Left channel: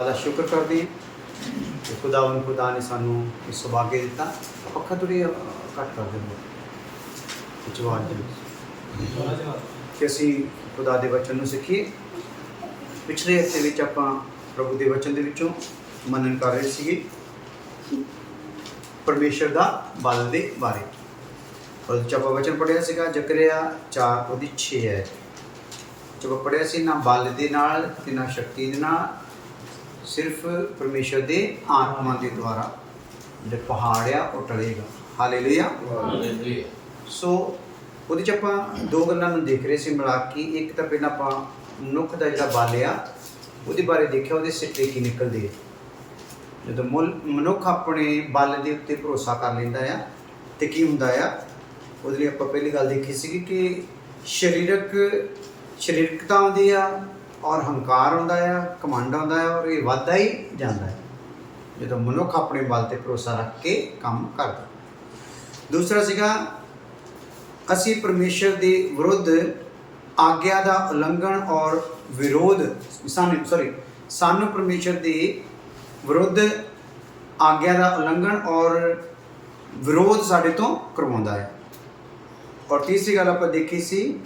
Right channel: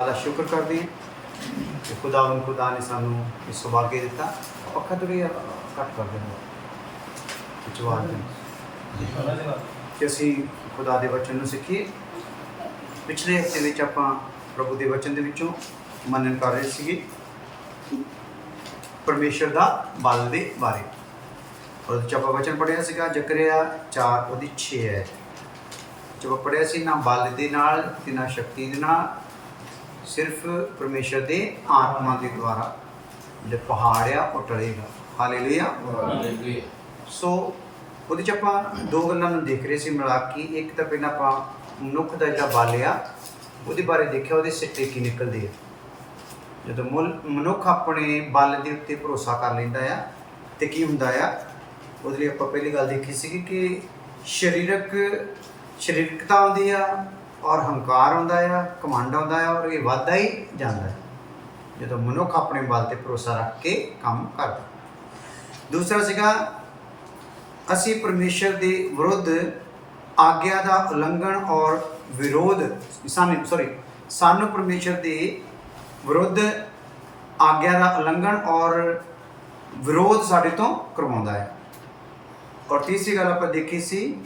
ਦਾ ਸ਼ੁਕਰ ਕਰਦੇ ਹਾਂ ਕਿ ਖੁਦਾ ਨੇ ਸਾਨੂੰ ਇਹ ਸੁਭਾਗੇ ਦਿੱਤਾ। ਪੱਖਾ ਥੋੜ੍ਹੀ ਘੱਟ ਕਰ ਦਿੰਦਾ ਵਿੱਚ ਆਵਾਜ਼ ਦੇ ਕਿ ਅਸੀਂ ਖੁਦਾ ਦੇ ਵਚਨ ਨੂੰ ਸਿੱਖੀਏ। ਪਿਛਲੇ ਹਫ਼ਤੇ ਵਿੱਚ ਆਪਾਂ ਪ੍ਰਭੂ ਦੇ ਵਚਨ ਦੇ ਵਿੱਚੋਂ ਮੰਨਣ ਕਰ ਰਹੇ ਸੀਗੇ ਪਰਮੇਸ਼ਰ ਦਾ ਬਲ ਦੇ ਬਾਰੇ। ਉਹਦੇ 'ਚ ਆਪਾਂ ਵਚਨ ਪੜ੍ਹਿਆ ਸੀਗਾ ਜ਼ਕਰਿਆ 4 ਉਹਦੀ 6 ਹੈ। ਜਦ ਆਪਾਂ ਪੜ੍ਹਿਆ ਸੀ ਨਾ ਬਲ ਦੇ ਨਾਲ ਤੇ ਨਾ ਸ਼ਕਤੀ ਦੇ ਨਾਲ, ਸਿਰਫ ਪਰਮੇਸ਼ਰ ਦੇ ਆਤਮਾ ਦੇ ਦੁਆਰਾ ਜਿਹੜੇ ਪਹਾੜ ਆ ਉਹ ਟਲੇਗਾ। ਹਾਲੇਲੂਇਆ। ਸੋ ਉਹਦੇ 'ਚ ਆਪਾਂ ਦੋ ਗੱਲਾਂ ਨੂੰ ਦੇਖ ਰਹੇ ਸੀ ਮਿਲਾ ਕੇ। ਇੱਕ ਤਾਂ ਪਹਿਲਾਂ ਆਪਾਂ ਮਨੁੱਖ ਦਾ ਜਿਹੜਾ ਬਲ ਆ ਉਹਦੇ ਬਾਰੇ ਦੇਖਿਆ, ਉਹਦੇ ਸਿੱਟੇ ਕੀ ਨਿਕਲਦੇ ਆ। ਜਦੋਂ ਮਨੁੱਖ ਆਪਣੇ ਬਲ ਦੇ ਉੱਤੇ ਭਰੋਸਾ ਕਰ ਲੈਂਦਾ ਆ ਤੇ ਕੀ ਹੁੰਦਾ ਆ, ਉਹਦੇ ਲਈ ਆਪਾਂ ਪਹਿਲੀ ਗੱਲ ਦੇਖੀ ਸੀਗੀ ਕਿ ਸਰੀਰਕਤਾ ਆਉਂਦੀ ਆ ਔਰ ਹੰਕਾਰ ਆਉਂਦਾ ਆ, ਘਮੰਡ ਆਉਂਦਾ ਆ ਔਰ ਇਹ ਵੱਧਦਾ ਹੀ ਜਾਂਦਾ ਹੈ ਜਦੋਂ ਮਨੁੱਖ ਆਪਣੇ ਬਲ 'ਤੇ ਭਰੋਸਾ ਰੱਖ ਕੇ ਕੰਮ ਕਰਦਾ। ਦੂਸਰਾ ਸੀਗਾ ਅਸੀਂ ਪਰਮੇਸ਼ਰ ਦੇ ਵਿਰੁੱਧ ਆਗਿਆ ਦਾ ਉਲੰਘਣ ਔਰ ਵਿਰੋਧ ਸਾਨੂੰ ਪਰਮੇਸ਼ਰ ਦੇ ਵਿਰੁੱਧ ਆਗਿਆ ਦਾ ਉਲੰਘਣ ਔਰ ਵਿਰੋਧ ਸਾਡੇ ਤੋਂ ਕਰਵਾਉਂਦਾ ਹੈ। ਔਰ ਤੀਸਰੀ ਗੱਲ ਆਪਾਂ ਦੇਖੀ ਸੀ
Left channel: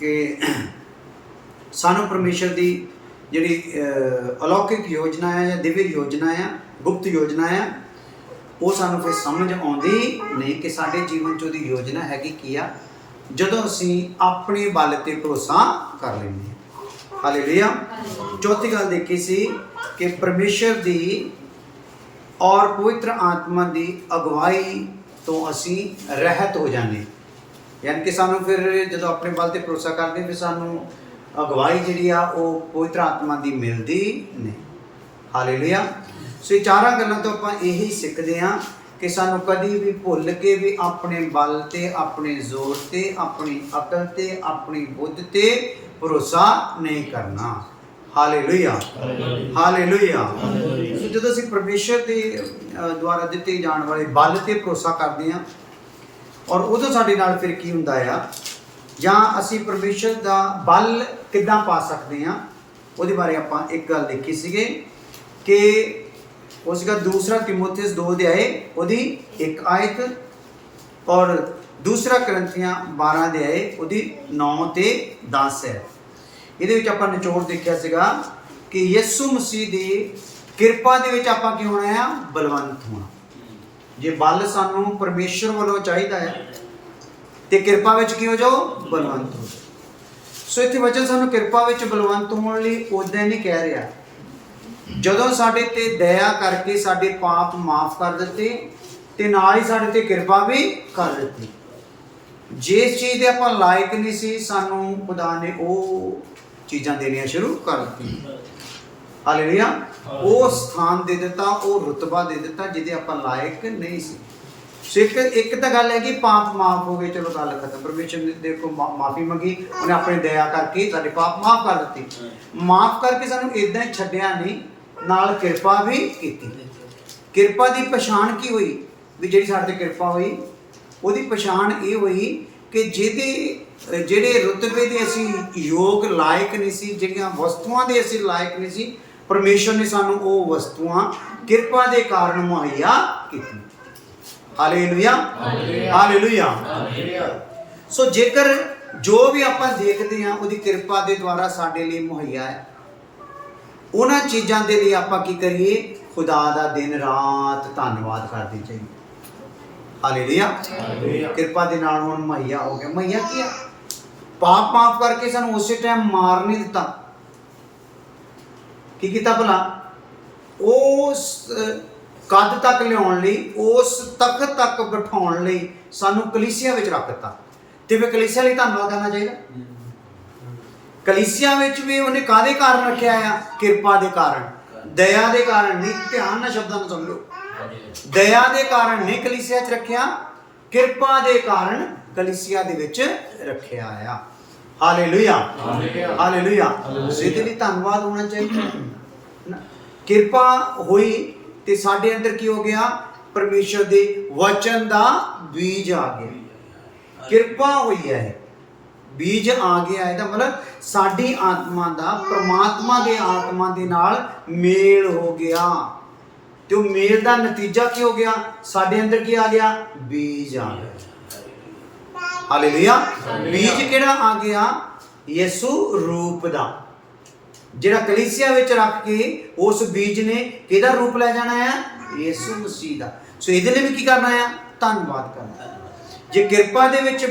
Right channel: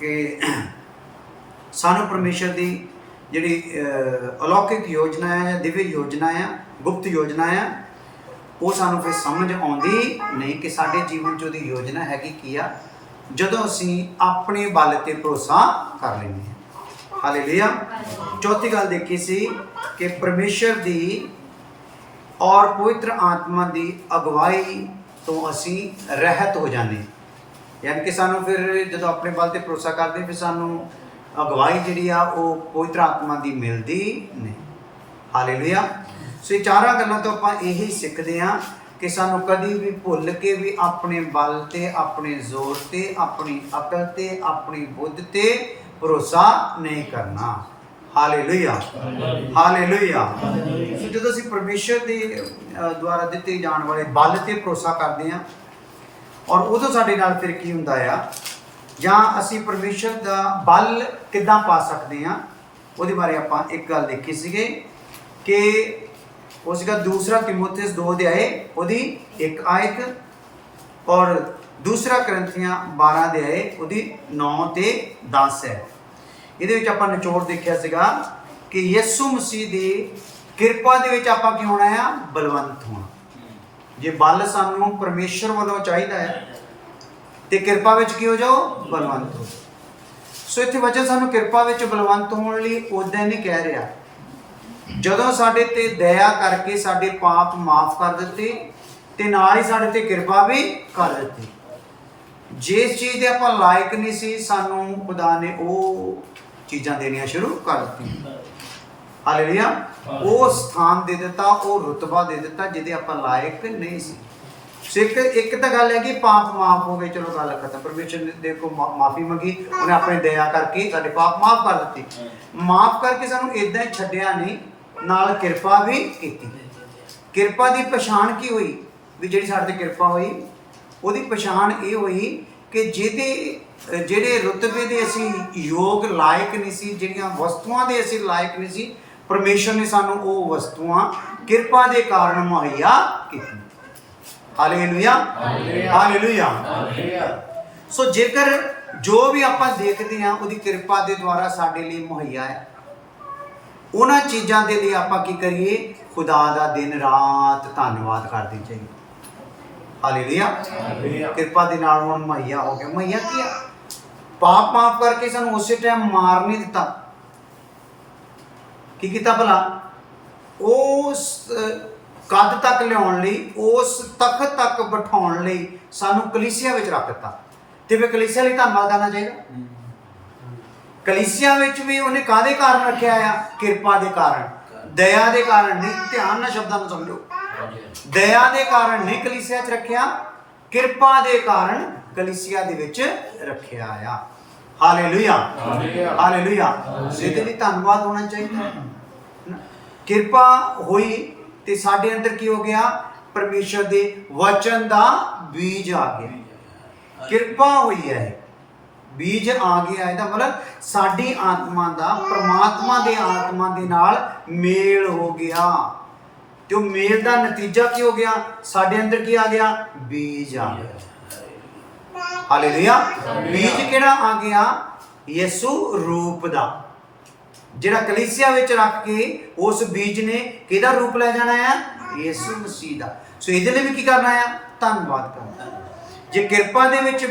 ਕਿ ਸਾਨੂੰ ਪਰਮੇਸ਼ਰ ਦੀ ਜਿਹੜੀ ਅਲੌਕਿਕ ਯੋਜਨਾ ਆ ਜਾਂ ਦਿਵਯ ਯੋਜਨਾ ਆ, ਗੁਪਤ ਯੋਜਨਾ ਆ, ਉਹ ਸਾਨੂੰ ਫਿਰ ਸਮਝ ਆਉਂਦੀ ਨਹੀਂ ਕਿ ਸਾਡੇ ਜੀਵਨ 'ਚ ਉਹਦੀ ਯੋਜਨਾ ਹੈਗੀ ਕੀ ਆ, ਜਦੋਂ ਅਸੀਂ ਆਪਣੇ ਬਲ 'ਤੇ ਭਰੋਸਾ ਕਰ ਲੈਂਦੇ ਹਾਂ। ਹਾਲੇਲੂਇਆ। ਚੌਥੀ ਗੱਲ ਦੇਖੀ ਸੀ ਕਿ ਪਰਮੇਸ਼ਰ ਦੀ ਔਰ ਪਵਿੱਤਰ ਆਤਮਾ ਦੀ ਅਗਵਾਈ ਤੋਂ ਅਸੀਂ ਰਹਿਤ ਹੋ ਜਾਂਦੇ ਹਾਂ। ਯਾਨੀ ਕਿ ਸਾਨੂੰ ਫਿਰ ਜਦੋਂ ਆਪਣੇ ਬਲ 'ਤੇ ਭਰੋਸਾ ਕਰਦੇ ਫਿਰ ਸਾਨੂੰ ਅਗਵਾਈ ਜਿਹੜੀ ਆ ਉਹ ਪਵਿੱਤਰ ਆਤਮਾ ਦੀ ਮਿਲਦੀ ਨਹੀਂ। ਹਾਲੇਲੂਇਆ। ਸੋ ਇਹ ਚਾਰਾਂ ਗੱਲਾਂ ਤੋਂ ਆਪਾਂ ਇਹੀ ਸਿੱਖਦੇ ਹਾਂ ਕਿ ਸਾਨੂੰ ਕਦੀ ਵੀ ਭੁੱਲ ਕੇ ਵੀ ਆਪਣੇ ਬਲ 'ਤੇ, ਆਪਣੇ ਜ਼ੋਰ 'ਤੇ, ਆਪਣੀ ਅਕਲ 'ਤੇ, ਆਪਣੀ ਬੁੱਧ 'ਤੇ ਭਰੋਸਾ ਨਹੀਂ ਕਰਨਾ। ਹਾਲੇਲੂਇਆ। ਹਾਲੇਲੂਇਆ। ਸੋ ਜਦੋਂ ਅਸੀਂ ਪਰਮੇਸ਼ਰ ਦੇ ਦੁਆਰਾ ਦਿੱਤੇ ਜਾਣ ਵਾਲੇ ਬਲ 'ਤੇ ਭਰੋਸਾ ਕਰਦੇ ਹਾਂ ਔਰ ਉਦੋਂ ਸਾਡੇ ਨਾਲ ਫਿਰ ਕੀ ਹੁੰਦਾ ਆ, ਜਾਂ ਅਸੀਂ ਪਰਮੇਸ਼ਰ ਦਾ ਬਲ ਕਿੱਦਾਂ ਪਾ ਸਕਦੇ ਹਾਂ, ਉਹਦੇ ਬਾਰੇ ਆਪਾਂ ਇੱਕ ਗੱਲ ਦੇਖੀ ਸੀਗੇ ਕਿ ਉਹ ਸੀਗਾ 2 ਤਿਮੋਥੇਸ 2 ਅਧਿਆਏ ਉਹਦੀ 1 ਆਇਤ ਔਰ 2 ਕਰੰਥੀਆਂ 12 ਅਧਿਆਏ ਉਹਦੀ 9 ਤੇ 10 ਹੈ। ਇਹਦੇ ਵਿੱਚ ਆਪਾਂ ਨਿਚੋੜ ਦੇਖਿਆ ਸੀਗਾ ਕਿ ਯਿਸੂ ਮਸੀਹ ਦੀ ਕਿਰਪਾ ਦੇ ਵਿੱਚ ਆਪਾਂ ਕੀ ਹੋਣਾ ਆ, ਬਲਵੰਤ ਹੋਣਾ। ਜੇ ਬਲ ਸਾਨੂੰ ਪਰਮੇਸ਼ਰ ਵੱਲੋਂ ਚਾਹੀਦਾ ਆ ਤੇ ਕਿਰਪਾ ਵਿੱਚ ਕੀ ਹੋ ਜਾਓ, ਬਲਵੰਤ ਹੋ ਜਾਓ। ਸੋ ਇੱਥੇ ਵਚਨ ਸਾਨੂੰ ਕਿਰਪਾ ਵਿੱਚ ਬਲਵੰਤ ਹੋਣ ਲਈ ਉਦਾਂ ਨਹੀਂ ਕਹਿ ਰਿਹਾ। ਜਦੋਂ ਸਾਡੇ ਤੇ ਦਇਆ ਕਰਕੇ ਸਾਡੇ ਪਾਪ ਮਾਫ ਕਰ ਦਿੱਤੇ ਤੇ ਨਾਲ ਹੀ ਸਾਡੇ ਤੇ ਕਿਰਪਾ ਵੀ ਕਰ ਦਿੱਤੀ। ਜਿਸ ਚੀਜ਼ ਦੇ ਆਪਾਂ ਲਾਇਕ ਨਹੀਂ ਸੀ, ਸਾਨੂੰ ਖੁਦਾ ਨੇ ਉਹ ਚੀਜ਼ਾਂ ਦੇਣੀਆਂ ਸ਼ੁਰੂ ਕਰ ਦਿੱਤੀਆਂ। ਹਾਲੇਲੂਇਆ। ਉਹ ਸਥਾਨ ਦੇ ਦਿੱਤਾ, ਉਹ ਰੁਤਬਾ ਦੇ ਦਿੱਤਾ ਜਿਹਦੇ ਆਪਾਂ ਲਾਇਕ ਨਹੀਂ ਸੀ। ਸੋ ਇੱਕ ਤਾਂ ਗੱਲ ਹੈ ਕਿ ਪਾਪ ਮਾਫ ਹੋ ਗਏ, ਚਲੋ ਗੱਲ ਖਤਮ। ਪਰਮੇਸ਼ਰ ਨੇ ਦੇਖੋ ਮਾਫੀ ਮੰਗੀ, ਉਹਨੇ ਆਪਣੀ ਦਇਆ ਕਰਕੇ ਸਾਡੇ ਪਾਪ ਮਾਫ ਕਰ ਦਿੱਤੇ। ਮਾਫ ਕਰਕੇ ਸਾਨੂੰ ਇਦਾਂ ਹੀ ਛੱਡਿਆ ਨਹੀਂ, ਨਾਲ ਕਿਰਪਾ ਵੀ ਕੀਤੀ। ਕਿਰਪਾ ਦੀ ਪਛਾਣ ਕੀ ਹੋਈ ਵੀ ਜਿਹੜੀ ਸਾਡੇ ਤੇ ਕਿਰਪਾ ਹੋਈ, ਉਹਦੀ ਪਛਾਣ ਇਹ ਹੋਈ ਕਿ ਜਿਹੜੇ ਰੁਤਬੇ ਦੇ ਅਸੀਂ ਯੋਗ ਲਾਇਕ ਨਹੀਂ ਸੀ, ਜਿਹੜੀਆਂ ਵਸਤੂਆਂ ਦੇ ਅਸੀਂ ਲਾਇਕ ਨਹੀਂ ਸੀ, ਪਰਮੇਸ਼ਰ ਨੇ ਸਾਨੂੰ ਉਹ ਵਸਤੂਆਂ ਕਿਰਪਾ ਦੇ ਕਾਰਨ ਮੁਹੱਈਆ ਕੀਤੀ। ਹਾਲੇਲੂਇਆ। ਹਾਲੇਲੂਇਆ। ਸੋ ਜੇਕਰ ਜੋ ਵੀ ਆਪਾਂ ਦੇਖਦੇ ਹਾਂ ਉਹਦੀ ਕਿਰਪਾ ਦੇ ਦੁਆਰਾ ਸਾਡੇ ਲਈ ਮੁਹੱਈਆ ਹੈ, ਉਹਨਾਂ ਚੀਜ਼ਾਂ ਦੇ ਲਈ ਆਪਾਂ ਕੀ ਕਰੀਏ, ਖੁਦਾ ਦਾ ਦਿਨ ਰਾਤ ਧੰਨਵਾਦ ਕਰਦੇ ਚਾਹੀਏ। ਹਾਲੇਲੂਇਆ। ਕਿਰਪਾ ਦੇ ਨਾਲ ਹੁਣ ਮੁਹੱਈਆ ਹੋ ਗਿਆ। ਮੁਹੱਈਆ ਕੀ ਆ? ਪਾਪ ਮਾਫ ਕਰਕੇ ਸਾਨੂੰ ਉਸੇ ਟਾਈਮ ਮਾਰ ਨਹੀਂ ਦਿੱਤਾ। ਕੀ ਕੀਤਾ ਭਲਾ? ਉਸ ਕੱਦ ਤੱਕ ਲਿਆਉਣ ਲਈ, ਉਸ ਤਖਤ ਤੱਕ ਬਿਠਾਉਣ ਲਈ ਸਾਨੂੰ ਕਲੀਸਿਆ ਵਿੱਚ ਰੱਖ ਦਿੱਤਾ। ਤੇ ਫਿਰ ਕਲੀਸਿਆ ਲਈ ਧੰਨਵਾਦ ਕਰਨਾ ਚਾਹੀਦਾ। ਕਲੀਸਿਆ ਵਿੱਚ ਵੀ ਉਹਨੇ ਕਾਹਦੇ ਕਾਰਨ ਰੱਖਿਆ ਆ? ਕਿਰਪਾ ਦੇ ਕਾਰਨ, ਦਇਆ ਦੇ ਕਾਰਨ ਨਹੀਂ। ਧਿਆਨ ਨਾਲ ਸ਼ਬਦਾਂ ਨੂੰ ਸਮਝੋ। ਦਇਆ ਦੇ ਕਾਰਨ ਨਹੀਂ ਕਲੀਸਿਆ 'ਚ ਰੱਖਿਆ, ਕਿਰਪਾ ਦੇ ਕਾਰਨ ਕਲੀਸਿਆ ਦੇ ਵਿੱਚ ਰੱਖਿਆ ਆ। ਹਾਲੇਲੂਇਆ। ਹਾਲੇਲੂਇਆ। ਜਿਹਦੇ ਲਈ ਧੰਨਵਾਦ ਹੋਣਾ ਚਾਹੀਦਾ। ਕਿਰਪਾ ਹੋਈ ਤੇ ਸਾਡੇ ਅੰਦਰ ਕੀ ਹੋ ਗਿਆ? ਪਰਮੇਸ਼ਰ ਦੇ ਵਚਨ ਦਾ ਬੀਜ ਆ ਗਿਆ। ਕਿਰਪਾ ਹੋਈ ਹੈ। ਬੀਜ ਆ ਗਿਆ, ਇਹਦਾ ਮਤਲਬ ਸਾਡੀ ਆਤਮਾ ਦਾ ਪਰਮਾਤਮਾ ਦੇ ਆਤਮਾ ਦੇ ਨਾਲ ਮੇਲ ਹੋ ਗਿਆ, ਤੇ ਉਹ ਮੇਲ ਦਾ ਨਤੀਜਾ ਕੀ ਹੋ ਗਿਆ? ਸਾਡੇ ਅੰਦਰ ਕੀ ਆ ਗਿਆ? ਬੀਜ ਆ ਗਿਆ। ਹਾਲੇਲੂਇਆ। ਬੀਜ ਕਿਹੜਾ ਆ ਗਿਆ? ਯਿਸੂ ਰੂਪ ਦਾ, ਜਿਹੜਾ ਕਲੀਸਿਆ ਵਿੱਚ ਰੱਖ ਕੇ ਉਸ ਬੀਜ ਨੇ ਕਿਹਦਾ ਰੂਪ ਲੈ ਜਾਣਾ ਹੈ? ਯਿਸੂ ਮਸੀਹ ਦਾ। ਸੋ ਇਹਦੇ ਲਈ ਵੀ ਕੀ ਕਰਨਾ ਹੈ? ਧੰਨਵਾਦ ਕਰਨਾ। ਜੇ ਕਿਰਪਾ ਦੇ ਵਿੱਚ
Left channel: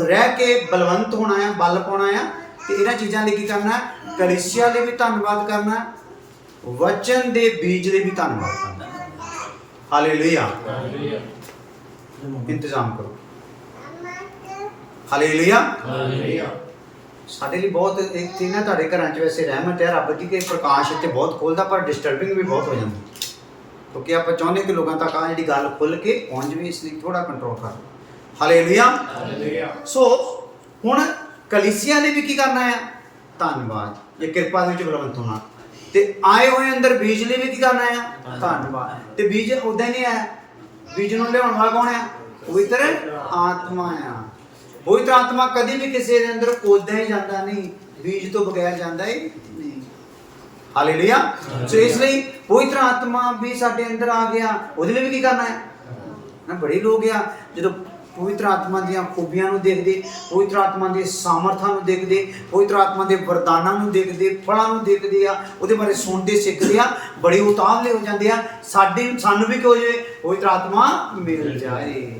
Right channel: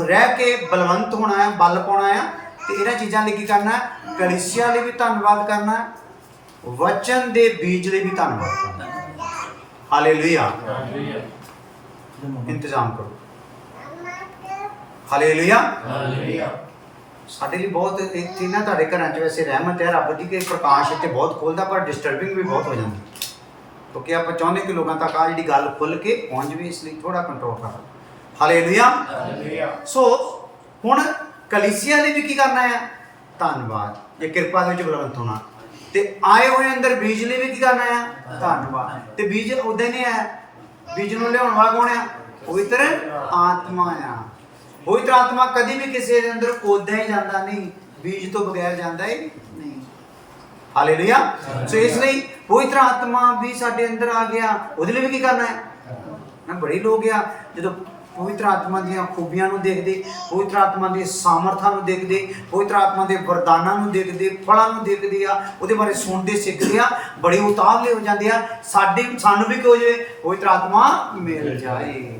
ਰਹਿ ਕੇ ਬਲਵੰਤ ਹੋਣਾ ਹੈ, ਬਲ ਪਾਉਣਾ ਹੈ, ਤੇ ਇਹਨਾਂ ਚੀਜ਼ਾਂ ਲਈ ਕੀ ਕਰਨਾ ਹੈ? ਕਲੀਸਿਆ ਲਈ ਵੀ ਧੰਨਵਾਦ ਕਰਨਾ ਹੈ, ਵਚਨ ਦੇ ਬੀਜ ਲਈ ਵੀ ਧੰਨਵਾਦ ਕਰਨਾ ਹੈ। ਹਾਲੇਲੂਇਆ। ਇੰਤਜ਼ਾਮ ਕਰੋ। ਹਾਲੇਲੂਇਆ। ਸਾਡੇ ਲਈ ਬਹੁਤ ਇੱਥੇ ਨਾ, ਤੁਹਾਡੇ ਘਰਾਂ 'ਚ ਵੈਸੇ ਰਹਿਮਤ ਹੈ ਰੱਬ ਦੀ ਕਿ ਪ੍ਰਕਾਸ਼ ਇੱਥੇ ਬਹੁਤ ਖੁੱਲ੍ਹਦਾ, ਪਰ ਡਿਸਟਰਬਿੰਗ ਵੀ ਬਹੁਤ ਹੋ ਜਾਂਦੀ, ਕਿਉਂਕਿ ਆਪਾਂ ਚਾਹੁੰਦੇ ਕਿ ਲੋਕਾਂ ਤੱਕ ਆ ਜਿਹੜੀ ਗੱਲ ਖੁੱਲ੍ਹ ਕੇ ਪਹੁੰਚ ਜਾਵੇ, ਇਸ ਲਈ ਥੋੜਾ ਕੰਟਰੋਲ ਕਰੋ। ਹਾਲੇਲੂਇਆ। ਸੋ ਹੁਣ ਕਲੀਸਿਆ ਲਈ ਵੀ ਕੀ ਕਰਨਾ ਹੈ? ਧੰਨਵਾਦ। ਜੇ ਕਿਰਪਾ ਦੇ ਵਿੱਚ ਬਲਵੰਤ ਹੋਣਾ, ਤੇ ਆਏ ਹੋਏ ਅੰਦਰ ਬੀਜ ਲਈ ਵੀ ਕੀ ਕਰਨਾ ਹੈ? ਧੰਨਵਾਦ। ਤੇ ਬੀਜ ਉਦਾਂ ਹੀ ਨਹੀਂ ਆਇਆ, ਬੀਜ ਨੂੰ ਲਿਆਉਣ ਵਾਲਾ ਕੌਣ ਆ? ਪਵਿੱਤਰ ਆਤਮਾ ਆ। ਪਵਿੱਤਰ ਆਤਮਾ ਕਦੀ ਵੀ ਕਿਸੇ ਦੇ ਅੰਦਰ ਉਦਾਂ ਹੀ ਜਾਂਦਾ ਨਹੀਂ, ਬੀਜ ਤੋਂ ਬਗੈਰ ਜਾਂਦਾ ਹੀ ਨਹੀਂ। ਹਾਲੇਲੂਇਆ। ਸੋ ਇਸ ਲਈ ਪਵਿੱਤਰ ਆਤਮਾ ਵੀ ਸਾਡੇ ਅੰਦਰ ਆ ਗਿਆ, ਉਹਦੇ ਲਈ ਵੀ ਕੀ ਕਰਨਾ ਹੈ? ਨਾ ਬੜੇ ਲੋਕ ਆ ਜਦੋਂ ਪਵਿੱਤਰ ਆਤਮਾ ਦੀਆਂ ਖੂਬੀਆਂ ਨੂੰ ਦੇਖਦੇ, ਪਵਿੱਤਰ ਆਤਮਾ ਦੇ ਸਾਮਰਥਾਂ ਨੂੰ ਦੇਖਦੇ, ਪਵਿੱਤਰ ਆਤਮਾ ਦੇ ਵਰਦਾਨਾਂ ਨੂੰ ਦੇਖਦੇ, ਫਲਾਂ ਨੂੰ ਦੇਖਦੇ ਆ, ਉਹਦੇ ਬਾਰੇ ਸੁਣਦੇ ਸਿੱਖਦੇ ਆ, ਬੜੇ ਉਤਾਵਲੇ ਹੋ ਜਾਂਦੇ ਆ। ਸਾਨੂੰ ਵੀ ਕੀ ਹੋ ਜਾਵੇ? ਪਵਿੱਤਰ ਆਤਮਾ ਮਿਲ ਜਾਏ।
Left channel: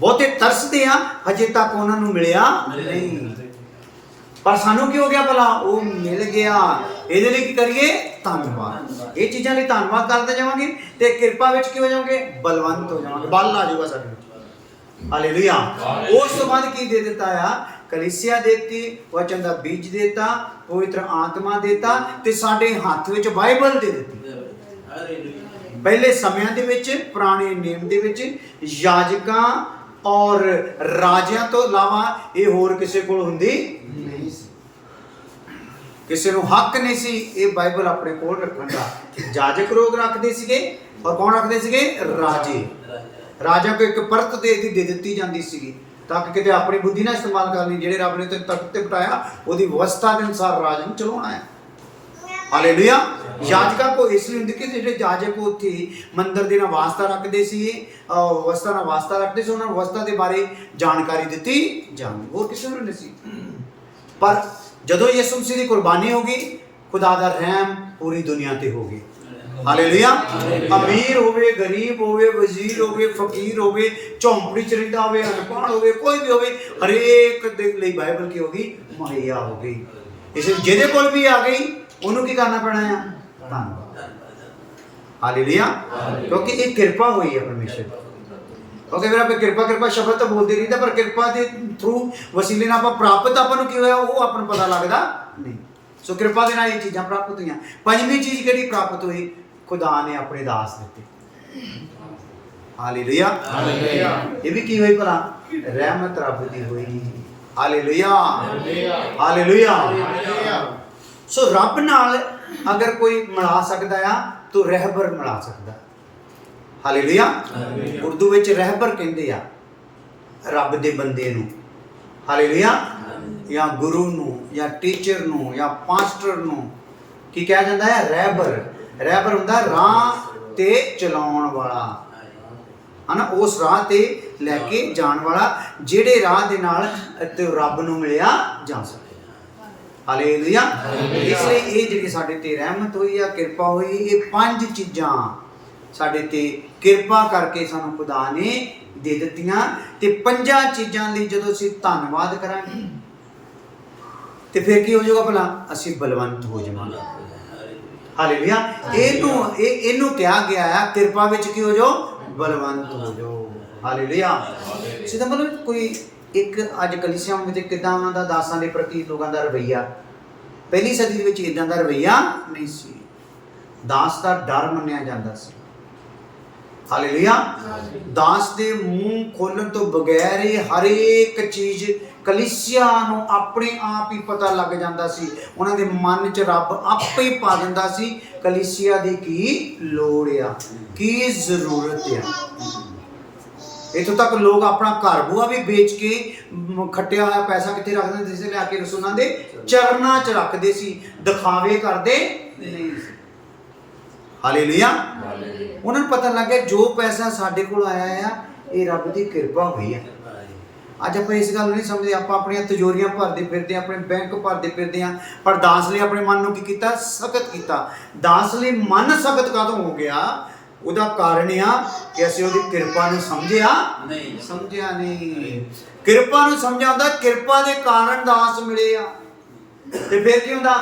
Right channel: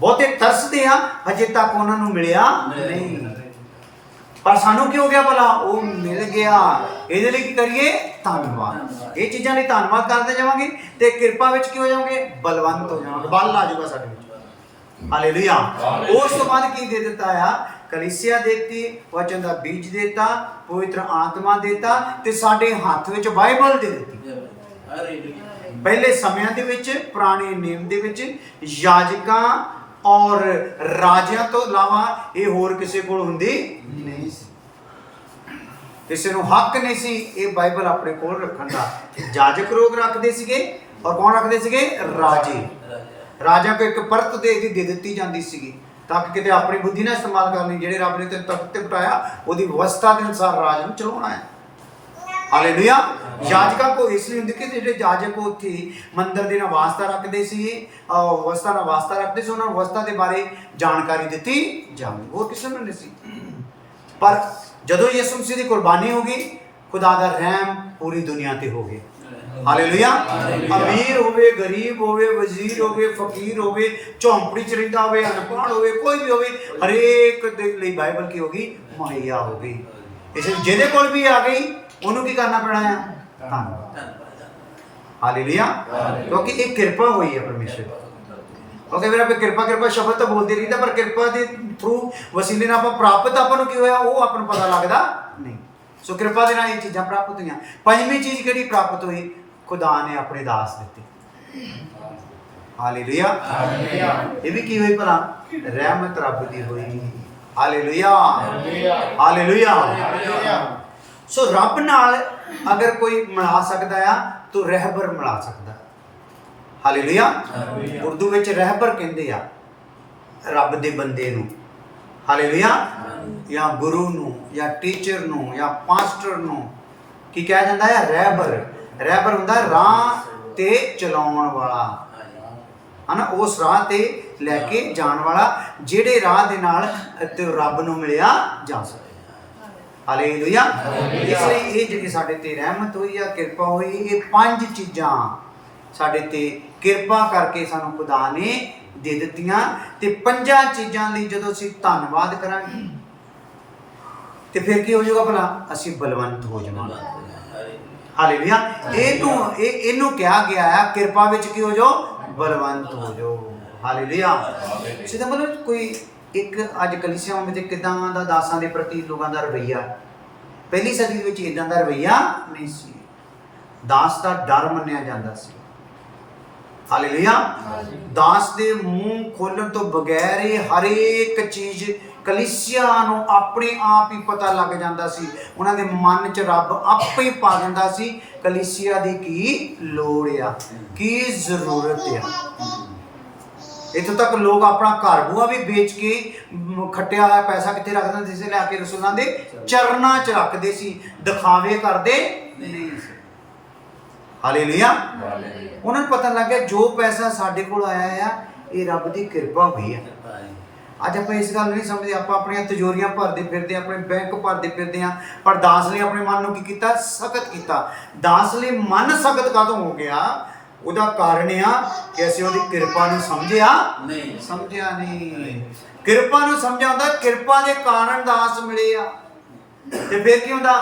ਬਹੁਤੇ ਤਰਸਦੇ ਆ, ਹਜੇ ਤੱਕ ਉਹਨਾਂ ਨੂੰ ਮਿਲਿਆ ਨਹੀਂ, ਪਰ ਸਾਨੂੰ ਕੀ ਹੋ ਗਿਆ ਭਲਾ? ਉਹ ਮਿਲ ਗਿਆ। ਇਹਦੇ ਲਈ ਕੀ ਕਰੀਏ? ਧੰਨਵਾਦ। ਇਹ ਚੀਜ਼ਾਂ ਲਈ ਧੰਨਵਾਦ ਕਰਦੇ ਜਾਵਾਂਗੇ ਤੇ ਕਿਰਪਾ ਵਿੱਚ ਕੀ ਹੋ ਜਾਵਾਂਗੇ? ਬਲਵੰਤ ਹੋ ਜਾਵਾਂਗੇ, ਬਲ ਆ ਜਾਊਗਾ ਸਾਡੇ ਵਿੱਚ। ਹਾਲੇਲੂਇਆ। ਉਸ ਤੋਂ ਬਾਅਦ ਕੀ ਦੇ ਦਿੱਤਾ ਆ? ਕਲੀਸਿਆ ਦੇਤੀ, ਵਚਨ ਦਾ ਬੀਜ ਦੇਤਾ, ਪਵਿੱਤਰ ਆਤਮਾ ਦੇਤਾ, ਤੇ ਸਾਡੇ ਹੱਥ ਵਿੱਚ ਬਾਈਬਲ ਦੇ ਦਿੱਤੀ। ਪਹਿਲੇ ਸਮਿਆਂ ਦੇ ਵਿੱਚ, ਪੁਰਾਣੇ ਨਿਯਮ ਦੇ ਵਿੱਚ, ਯਾਜਕਾਂ ਔਰ ਰਾਜਿਆਂ ਤੋਂ ਇਲਾਵਾ ਇਹ ਹੋਰ ਕਿਸੇ ਕੋਲ ਹੁੰਦੀ ਨਹੀਂ ਸੀ, ਕਿਸੇ ਨੂੰ ਹੱਕ ਨਹੀਂ ਸੀ ਇਹ ਬਾਈਬਲ ਆਪਣੇ ਕੋਲ ਰੱਖਣ ਦਾ। ਯਾਜਕ ਲੋਕ ਰੱਖਦੇ ਸੀਗੇ, ਔਰ ਕੌਣ ਰੱਖਦੇ ਸੀਗੇ? ਰਾਜੇ। ਰਾਜਾ ਕੋ ਇੱਕ ਪਰਤ ਦੇ ਦਿੱਤੀ ਜਾਂਦੀ ਸੀਗੀ, ਤਾਂ ਕਿ ਕਿਤੇ ਆਪਣੀ ਬੁੱਧੀ ਨਾ ਇਸਤੇਮਾਲ ਕਰਨੀ। ਜਿਹੜੇ ਰੱਬ ਨੇ ਤਖਤ ਤੇ ਬਿਠਾਇਆ, ਉਹਦੀ ਵਿਵਸਥਾ ਦੇ ਅਨੁਸਾਰ ਰਾਜ ਨੂੰ ਚਲਾਉਣਾ ਹੈ। ਹਾਲੇਲੂਇਆ। ਯਾਜਕਾਂ ਕੋ ਇਸ ਲਈ ਹੁੰਦੀ ਕਿ ਜਿਹੜੇ ਯਾਜਕ ਉੱਥੇ ਮੰਦਰ ਦੀ ਵਾਸਤਾ ਰੱਖਦੇ ਸੀ, ਵਿਵਸਥਾ ਨਾਲ ਵਾਸਤਾ ਰੱਖਦੇ ਸੀ, ਉਹਨਾਂ ਨੂੰ ਵਿਵਸਥਾ ਦੇ ਬਾਰੇ ਜਾਣਕਾਰੀ ਦਿੱਤੀ ਜਾਵੇ, ਹੋਰ ਕਿਸੇ ਨੂੰ ਨਹੀਂ ਸੀ। ਪਰ ਜਦੋਂ ਯਿਸੂ ਮਸੀਹ ਦੀ ਕੁਰਬਾਨੀ ਹੋ ਗਈ, ਖੁਦਾ ਦਾ ਰਹਿਮ ਪੂਰੀ ਦੁਨੀਆ ਤੇ ਹੋ ਗਿਆ। ਹਾਲੇਲੂਇਆ। ਅਮੀਰ ਹੋਵੇ, ਗਰੀਬ ਹੋਵੇ, ਵਜ਼ੀਰ ਹੋਵੇ, ਫਕੀਰ ਹੋਵੇ, ਝੌਂਪੜੀ ਚ ਰਹਿੰਦਾ ਹੋਵੇ, ਅਨਪੜ੍ਹ ਹੋਵੇ, ਕੋਈ ਵੀ ਹੋਵੇ, ਹਰੇਕ ਦੇ ਲਈ ਬਾਈਬਲ ਕੀ ਹੋ ਗਈ? ਮੁਹੱਈਆ ਹੋ ਗਈ। ਇਸ ਲਈ ਜਿਹਦੇ ਕੋਲ ਵੀ ਆ ਗਈ, ਉਹਨੂੰ ਕੀ ਕਰਨਾ ਪੈਣਾ ਆ? ਧੰਨਵਾਦ। ਹਾਲੇਲੂਇਆ। ਕਿਉਂਕਿ ਇਹ ਕਿਰਪਾ ਹੋਈ ਹੈ ਪਰਮੇਸ਼ਰ ਦੀ। ਕਿਉਂਕਿ ਫਿਰ ਆਪਾਂ ਕਿਰਪਾ ਸ਼ਬਦ ਤਾਂ ਬੋਲਦੇ ਰਹੀਦਾ, ਪਰ ਕਿਰਪਾ ਦੇ ਥਰੂ ਵਸੀਲੇ ਨਾਲ ਆਪਾਂ ਪ੍ਰਾਪਤ ਆਪਾਂ ਨੂੰ ਕੀ ਹੋਇਆ ਉਹ ਆਪਾਂ ਨੂੰ ਪਤਾ ਲੱਗਦਾ ਨਹੀਂ। ਸੋ ਕਿਰਪਾ ਦੇ ਨਾਲ ਇਹ ਚੀਜ਼ਾਂ ਪ੍ਰਾਪਤ ਹੋਈਆਂ। ਪੰਜਵੀਂ ਚੀਜ਼ ਕਿਹੜੀ ਪ੍ਰਾਪਤ ਹੋਈ? ਖੁਦਾ ਨੇ ਆਪਣੇ ਦਾਸ ਦਿੱਤੇ। ਹਾਲੇਲੂਇਆ। ਇਹ ਵੀ ਕੀ ਹੋਈ ਭਲਾ? ਰਹਿਮਤ ਰੱਬ ਦੀ ਹੋਈ। ਹਾਲੇਲੂਇਆ। ਹਾਲੇਲੂਇਆ। ਸੋ ਰੱਬ ਨਾਲ ਅਗਰ ਕੋਈ ਮਿਲਾ ਸਕਦਾ ਆ ਤਾਂ ਰਹਿਬਰ ਮਿਲਾ ਸਕਦਾ। ਹਾਲੇਲੂਇਆ। ਉਰਦੂ ਵਿੱਚ ਰਹਿਬਰ ਕਹਿੰਦੇ ਆ ਰੱਬ ਦੇ ਬੰਦੇ ਨੂੰ। ਹਾਲੇਲੂਇਆ। ਜਾਂ ਗੁਰੂ ਨੂੰ, ਜਾਂ ਟੀਚਰ ਨੂੰ, ਜਾਂ ਪਾਸਟਰ ਨੂੰ ਕੀ ਕਿਹਾ ਜਾਂਦਾ ਹੈ? ਰਹਿਬਰ। ਰਹਿਬਰ ਹੁੰਦਾ ਰਾਹ ਤੇ ਚਲਾਉਣ ਵਾਲਾ, ਹਨਾ, ਉਸ ਰਾਹ ਤੇ ਲੈ ਕੇ ਜਾਣ ਵਾਲਾ, ਜਿਹੜੇ ਰਾਹ ਦੇ ਨਾਲ ਤੇ ਰੱਬ ਨੂੰ ਮਿਲਿਆ ਜਾ ਸਕੇ। ਹਾਲੇਲੂਇਆ। ਇਸ ਲਈ ਇਹ ਜਿਹੜੀ ਸਾਡੇ ਤੇ ਰਹਿਮਤ ਹੋਈ ਆ, ਕਿਰਪਾ ਹੋਈ, ਇਹ ਪੰਜ ਚੀਜ਼ਾਂ ਸਾਡੇ ਤੇ ਕਿਰਪਾ ਕਰਕੇ ਸਾਨੂੰ ਖੁਦਾ ਨੇ ਦੇ ਦਿੱਤੀਆਂ। ਤੇ ਪੰਜਾਂ ਚੀਜ਼ਾਂ ਲਈ ਜਦੋਂ ਅਸੀਂ ਧੰਨਵਾਦ ਕਰਾਂਗੇ ਤੇ ਫਿਰ ਕੀ ਹੋ ਜਾਊਗਾ ਭਲਾ? ਅਸੀਂ ਬਲਵੰਤ ਹੋ ਜਾਵਾਂਗੇ। ਹਾਲੇਲੂਇਆ। ਇਹਨੂੰ ਕਿਹਾ ਗਿਆ ਹੈ ਕਿਰਪਾ ਵਿੱਚ ਕੀ ਹੋ ਜਾਓ? ਬਲਵੰਤ ਹੋ ਜਾਓ। ਹਾਲੇਲੂਇਆ। ਸਿੱਧਾ ਮਤਲਬ ਕੋਈ ਇੱਕ ਅੱਜ ਕਲੀਸਿਆਵਾਂ ਵਿੱਚ ਕਿੱਦਾਂ ਦਾ ਦਾਸਾਂ ਦੇ ਪ੍ਰਤੀ ਲੋਕਾਂ ਦਾ ਰਵੱਈਆ, ਪਹਿਲੀ ਸਦੀ ਦੇ ਵਿੱਚ ਇਦਾਂ ਦਾ ਰਵੱਈਆ ਨਹੀਂ ਸੀ। ਦਾਸ ਦਾ ਡਰ ਮੰਨਿਆ ਜਾਂਦਾ ਸੀ। ਹਾਲੇਲੂਇਆ। ਦਾਸ ਦੇ ਮੂੰਹ ਖੋਲਣ ਤੋਂ ਬਗੈਰ ਹੀ ਹਰੇਕ ਚੀਜ਼ ਕਲੀਸਿਆ ਨੂੰ ਆਪਣੇ ਆਪ ਹੀ ਪਤਾ ਲੱਗ ਜਾਂਦਾ ਸੀ। ਉਹਨਾਂ ਦੇ ਮਨ 'ਚ ਰੱਬ ਆਪੇ ਹੀ ਪਾ ਦਿੰਦਾ ਸੀ ਕਲੀਸਿਆ ਦੀ ਕੀ ਲੋੜ ਆ, ਕੀ ਜ਼ਰੂਰਤ ਆ। ਇੱਥੋਂ ਤੱਕ ਲੋਕ ਆਪਣਾ ਘਰ ਬੂਆ ਵੀ ਵੇਚ ਕੇ ਖੱਟਿਆ ਹੋਇਆ ਪੈਸਾ ਕਿੱਥੇ ਰੱਖ ਦਿੰਦੇ ਸੀ? ਲਿਆ ਕੇ ਰਸੂਲਾਂ ਦੇ ਚਰਨਾਂ 'ਚ ਰੱਖਦੇ ਸੀ, ਦਿਖਾਵੇ ਕਰਦੇ ਨਹੀਂ ਸੀ। ਹਾਲੇਲੂਇਆ। ਉਹਨਾਂ ਨੂੰ ਪਤਾ ਲੱਗ ਗਿਆ ਜੋ ਪੈਸਾ ਸਾਡੇ ਕੋਲ ਆਇਆ ਆ ਇਹ ਰੱਬ ਦੀ ਕਿਰਪਾ ਹੋਈ ਆ। ਅੱਜ ਆਪਾਂ ਇਸ ਗੱਲ ਨੂੰ ਨਹੀਂ ਸਮਝਦੇ, ਆਪਾਂ ਆਪਣੀਆਂ ਤਿਜੋਰੀਆਂ ਭਰਦੇ ਫਿਰਦੇ, ਆਪਣੇ ਬੈਂਕ ਭਰਦੇ ਫਿਰਦੇ ਹਾਂ। ਪਰ ਦਾਸ ਲਈ ਆਪਣੇ ਮਨ ਨੂੰ ਕੀ ਕੀਤਾ? ਸਖਤ ਕੀਤਾ। ਦਾਸ ਲਈ ਮਨ ਸਖਤ ਕਦੋਂ ਹੋ ਗਿਆ? ਉਹਦਾ ਕਾਰਨ ਆ ਕਿ ਅਸੀਂ ਉਹਦੀ ਕਿਰਪਾ ਨੂੰ ਸਮਝਿਆ ਨਹੀਂ। ਕਿਰਪਾ ਨੂੰ ਸਮਝਿਆ ਹੁੰਦਾ, ਕਿਰਪਾ ਦੇ ਕਾਰਨ ਦਾਸ ਮਿਲੇ ਆ। ਤੇ ਫਿਰ ਕੀ ਹੁੰਦਾ?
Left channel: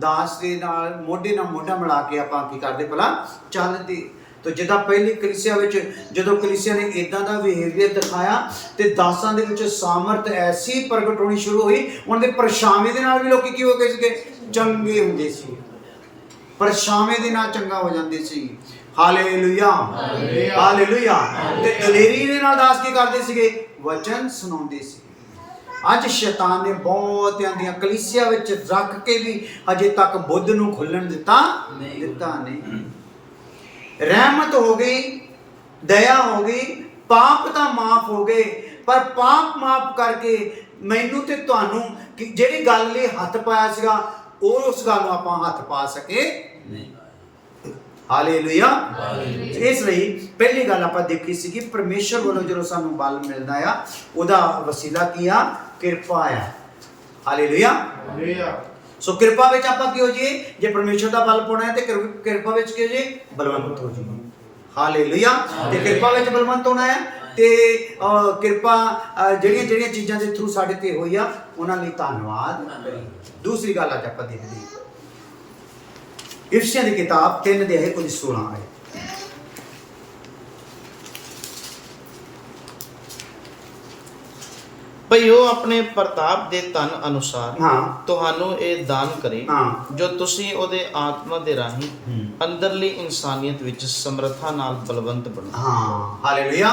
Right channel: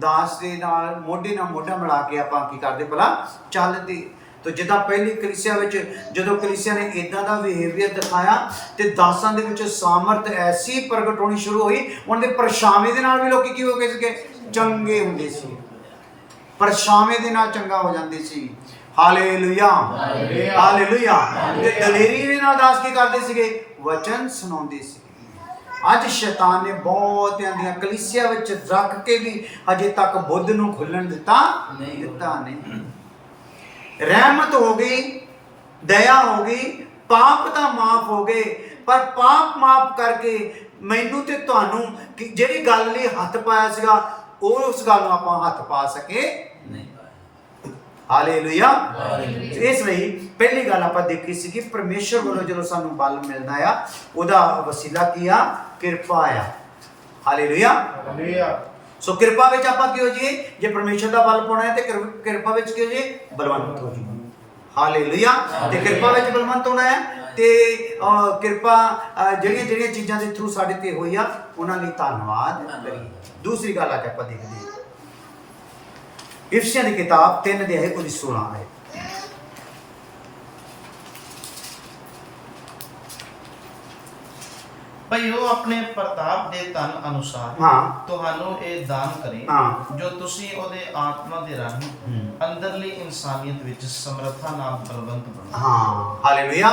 ਦਾਸ ਦੇ ਨਾਲ ਮੋਢੇ ਨਾਲ ਮੋਢਾ ਮਿਲਾ ਕੇ ਆਪਾਂ ਕੀ ਕਰਦੇ? ਭਲਾ ਚੱਲਦੇ। ਤਾਂ ਜਿੱਦਾਂ ਪਹਿਲੀ ਕਲੀਸਿਆ ਵਿੱਚ ਜਦੋਂ ਕਲੀਸਿਆ ਨੇ ਇਦਾਂ ਦਾ ਬਿਹੇਵੀਅਰ ਦਿਖਾਇਆ ਤੇ ਦਾਸਾਂ ਦੇ ਵਿੱਚ ਸਾਮਰਥ ਐਸੀ ਪ੍ਰਗਟ ਹੋਣੀ ਸ਼ੁਰੂ ਹੋਈ, ਉਹਨਾਂ ਦੇ ਪਰਛਾਵੇਂ ਦੇ ਨਾਲ ਵੀ ਲੋਕੀ ਕੀ ਹੋ ਗਏ ਸੀਗੇ? ਚੰਗੇ ਹੁੰਦੇ ਸੀ। ਪਰਛਾਵੇਂ ਦੇ ਨਾਲ ਚੰਗਾ ਹੋ ਜਾਂਦੇ ਸੀ। Hallelujah, hallelujah. ਤੇ ਦਲੇਰੀ ਦੇ ਨਾਲ ਦਾਸ ਕੀ ਕਰਦੇ ਸੀਗੇ? ਵਚਨ ਸੁਣਾਉਂਦੇ ਸੀ। ਅੱਜ ਸ਼ੈਤਾਨ ਨੇ ਬਹੁਤਿਆਂ ਦੀਆਂ ਕਲੀਸਿਆ ਵਿੱਚ ਰੱਖ ਕੇ ਵੀ ਅਜੇ ਤੱਕ ਬੁੱਧ ਨੂੰ ਖੁੱਲਣ ਦਿੱਤਾ ਨਹੀਂ। ਰਹਿਮਤ ਹੋ ਗਈ, ਦਇਆ ਹੋ ਗਈ, ਪਾਪ ਤਾਂ ਮਾਫ ਹੋ ਗਏ, ਪਰ ਪਾਪ ਮਾਫ ਕਰਕੇ ਮੈਨੂੰ ਤੇ ਤੁਹਾਨੂੰ ਜਿਹੜੀ ਗੱਲ ਲਈ ਹੱਥ ਪਾਇਆ ਸੀਗਾ ਉਸ ਗੱਲ ਨੂੰ ਆਪਾਂ ਹੱਥ ਪਾ ਸਕੇ ਨਹੀਂ। ਹਾਲੇਲੂਇਆ। ਇਸ ਲਈ ਪਹਿਲੀ ਗੱਲ ਆਪਾਂ ਦੇਖੀ ਸੀ ਕਿ ਪਰਮੇਸ਼ਰ ਵੱਲੋਂ ਜਦੋਂ ਸਾਨੂੰ ਬਲ ਮਿਲਦਾ ਆ ਉਹਦਾ ਵਸੀਲਾ ਕੀ ਆ? ਕਿਰਪਾ ਆ। ਹਾਲੇਲੂਇਆ। ਸੋ ਕਿਰਪਾ ਵਿੱਚ ਆਪਾਂ ਕੀ ਹੋ ਜਾਈਏ? ਜੇ ਪਰਮੇਸ਼ਰ ਦਾ ਬਲ ਪਾਉਣਾ ਹੈ ਤੇ ਕਿਰਪਾ ਵਿੱਚ ਕੀ ਹੋ ਜਾਈਏ? ਬਲਵੰਤ ਹੋ ਜਾਈਏ। ਹਾਲੇਲੂਇਆ। ਤੇ ਕਿਰਪਾ ਵਿੱਚ ਬਲਵੰਤ ਹੋਣਾ ਹੈ ਤੇ ਕਿਰਪਾ ਜਿਹੜੀਆਂ ਚੀਜ਼ਾਂ ਦੇ ਥਰੂ ਸਾਡੇ ਤੇ ਹੋਈ ਆ ਉਹਨਾਂ ਲਈ ਧੰਨਵਾਦ ਕਰੀਏ। ਦੂਸਰੀ ਗੱਲ ਅੱਜ ਆਪਾਂ ਦੇਖਦੇ ਹਾਂ ਇਫਸੀਆਂ ਦੀ ਕਿਤਾਬ 3 ਅਧਿਆਇ ਉਹਦੀ 16 ਆਇਤ। ਭਈ ਉਹ ਆਪਣੇ ਪ੍ਰਤਾਪ ਦੇ ਧਨ ਅਨੁਸਾਰ ਤੁਹਾਨੂੰ ਇਹ ਦਾਨ ਕਰੇ ਜੋ ਤੁਸੀਂ ਉਹਦੇ ਆਤਮਾ ਦੇ ਰਾਹੀਂ ਅੰਦਰਲੀ ਇਨਸਾਨੀਅਤ ਵਿੱਚ ਸਮਰੱਥਾ ਨਾਲ ਬਲਵੰਤ ਬਣੋ। ਹਾਲੇਲੂਇਆ।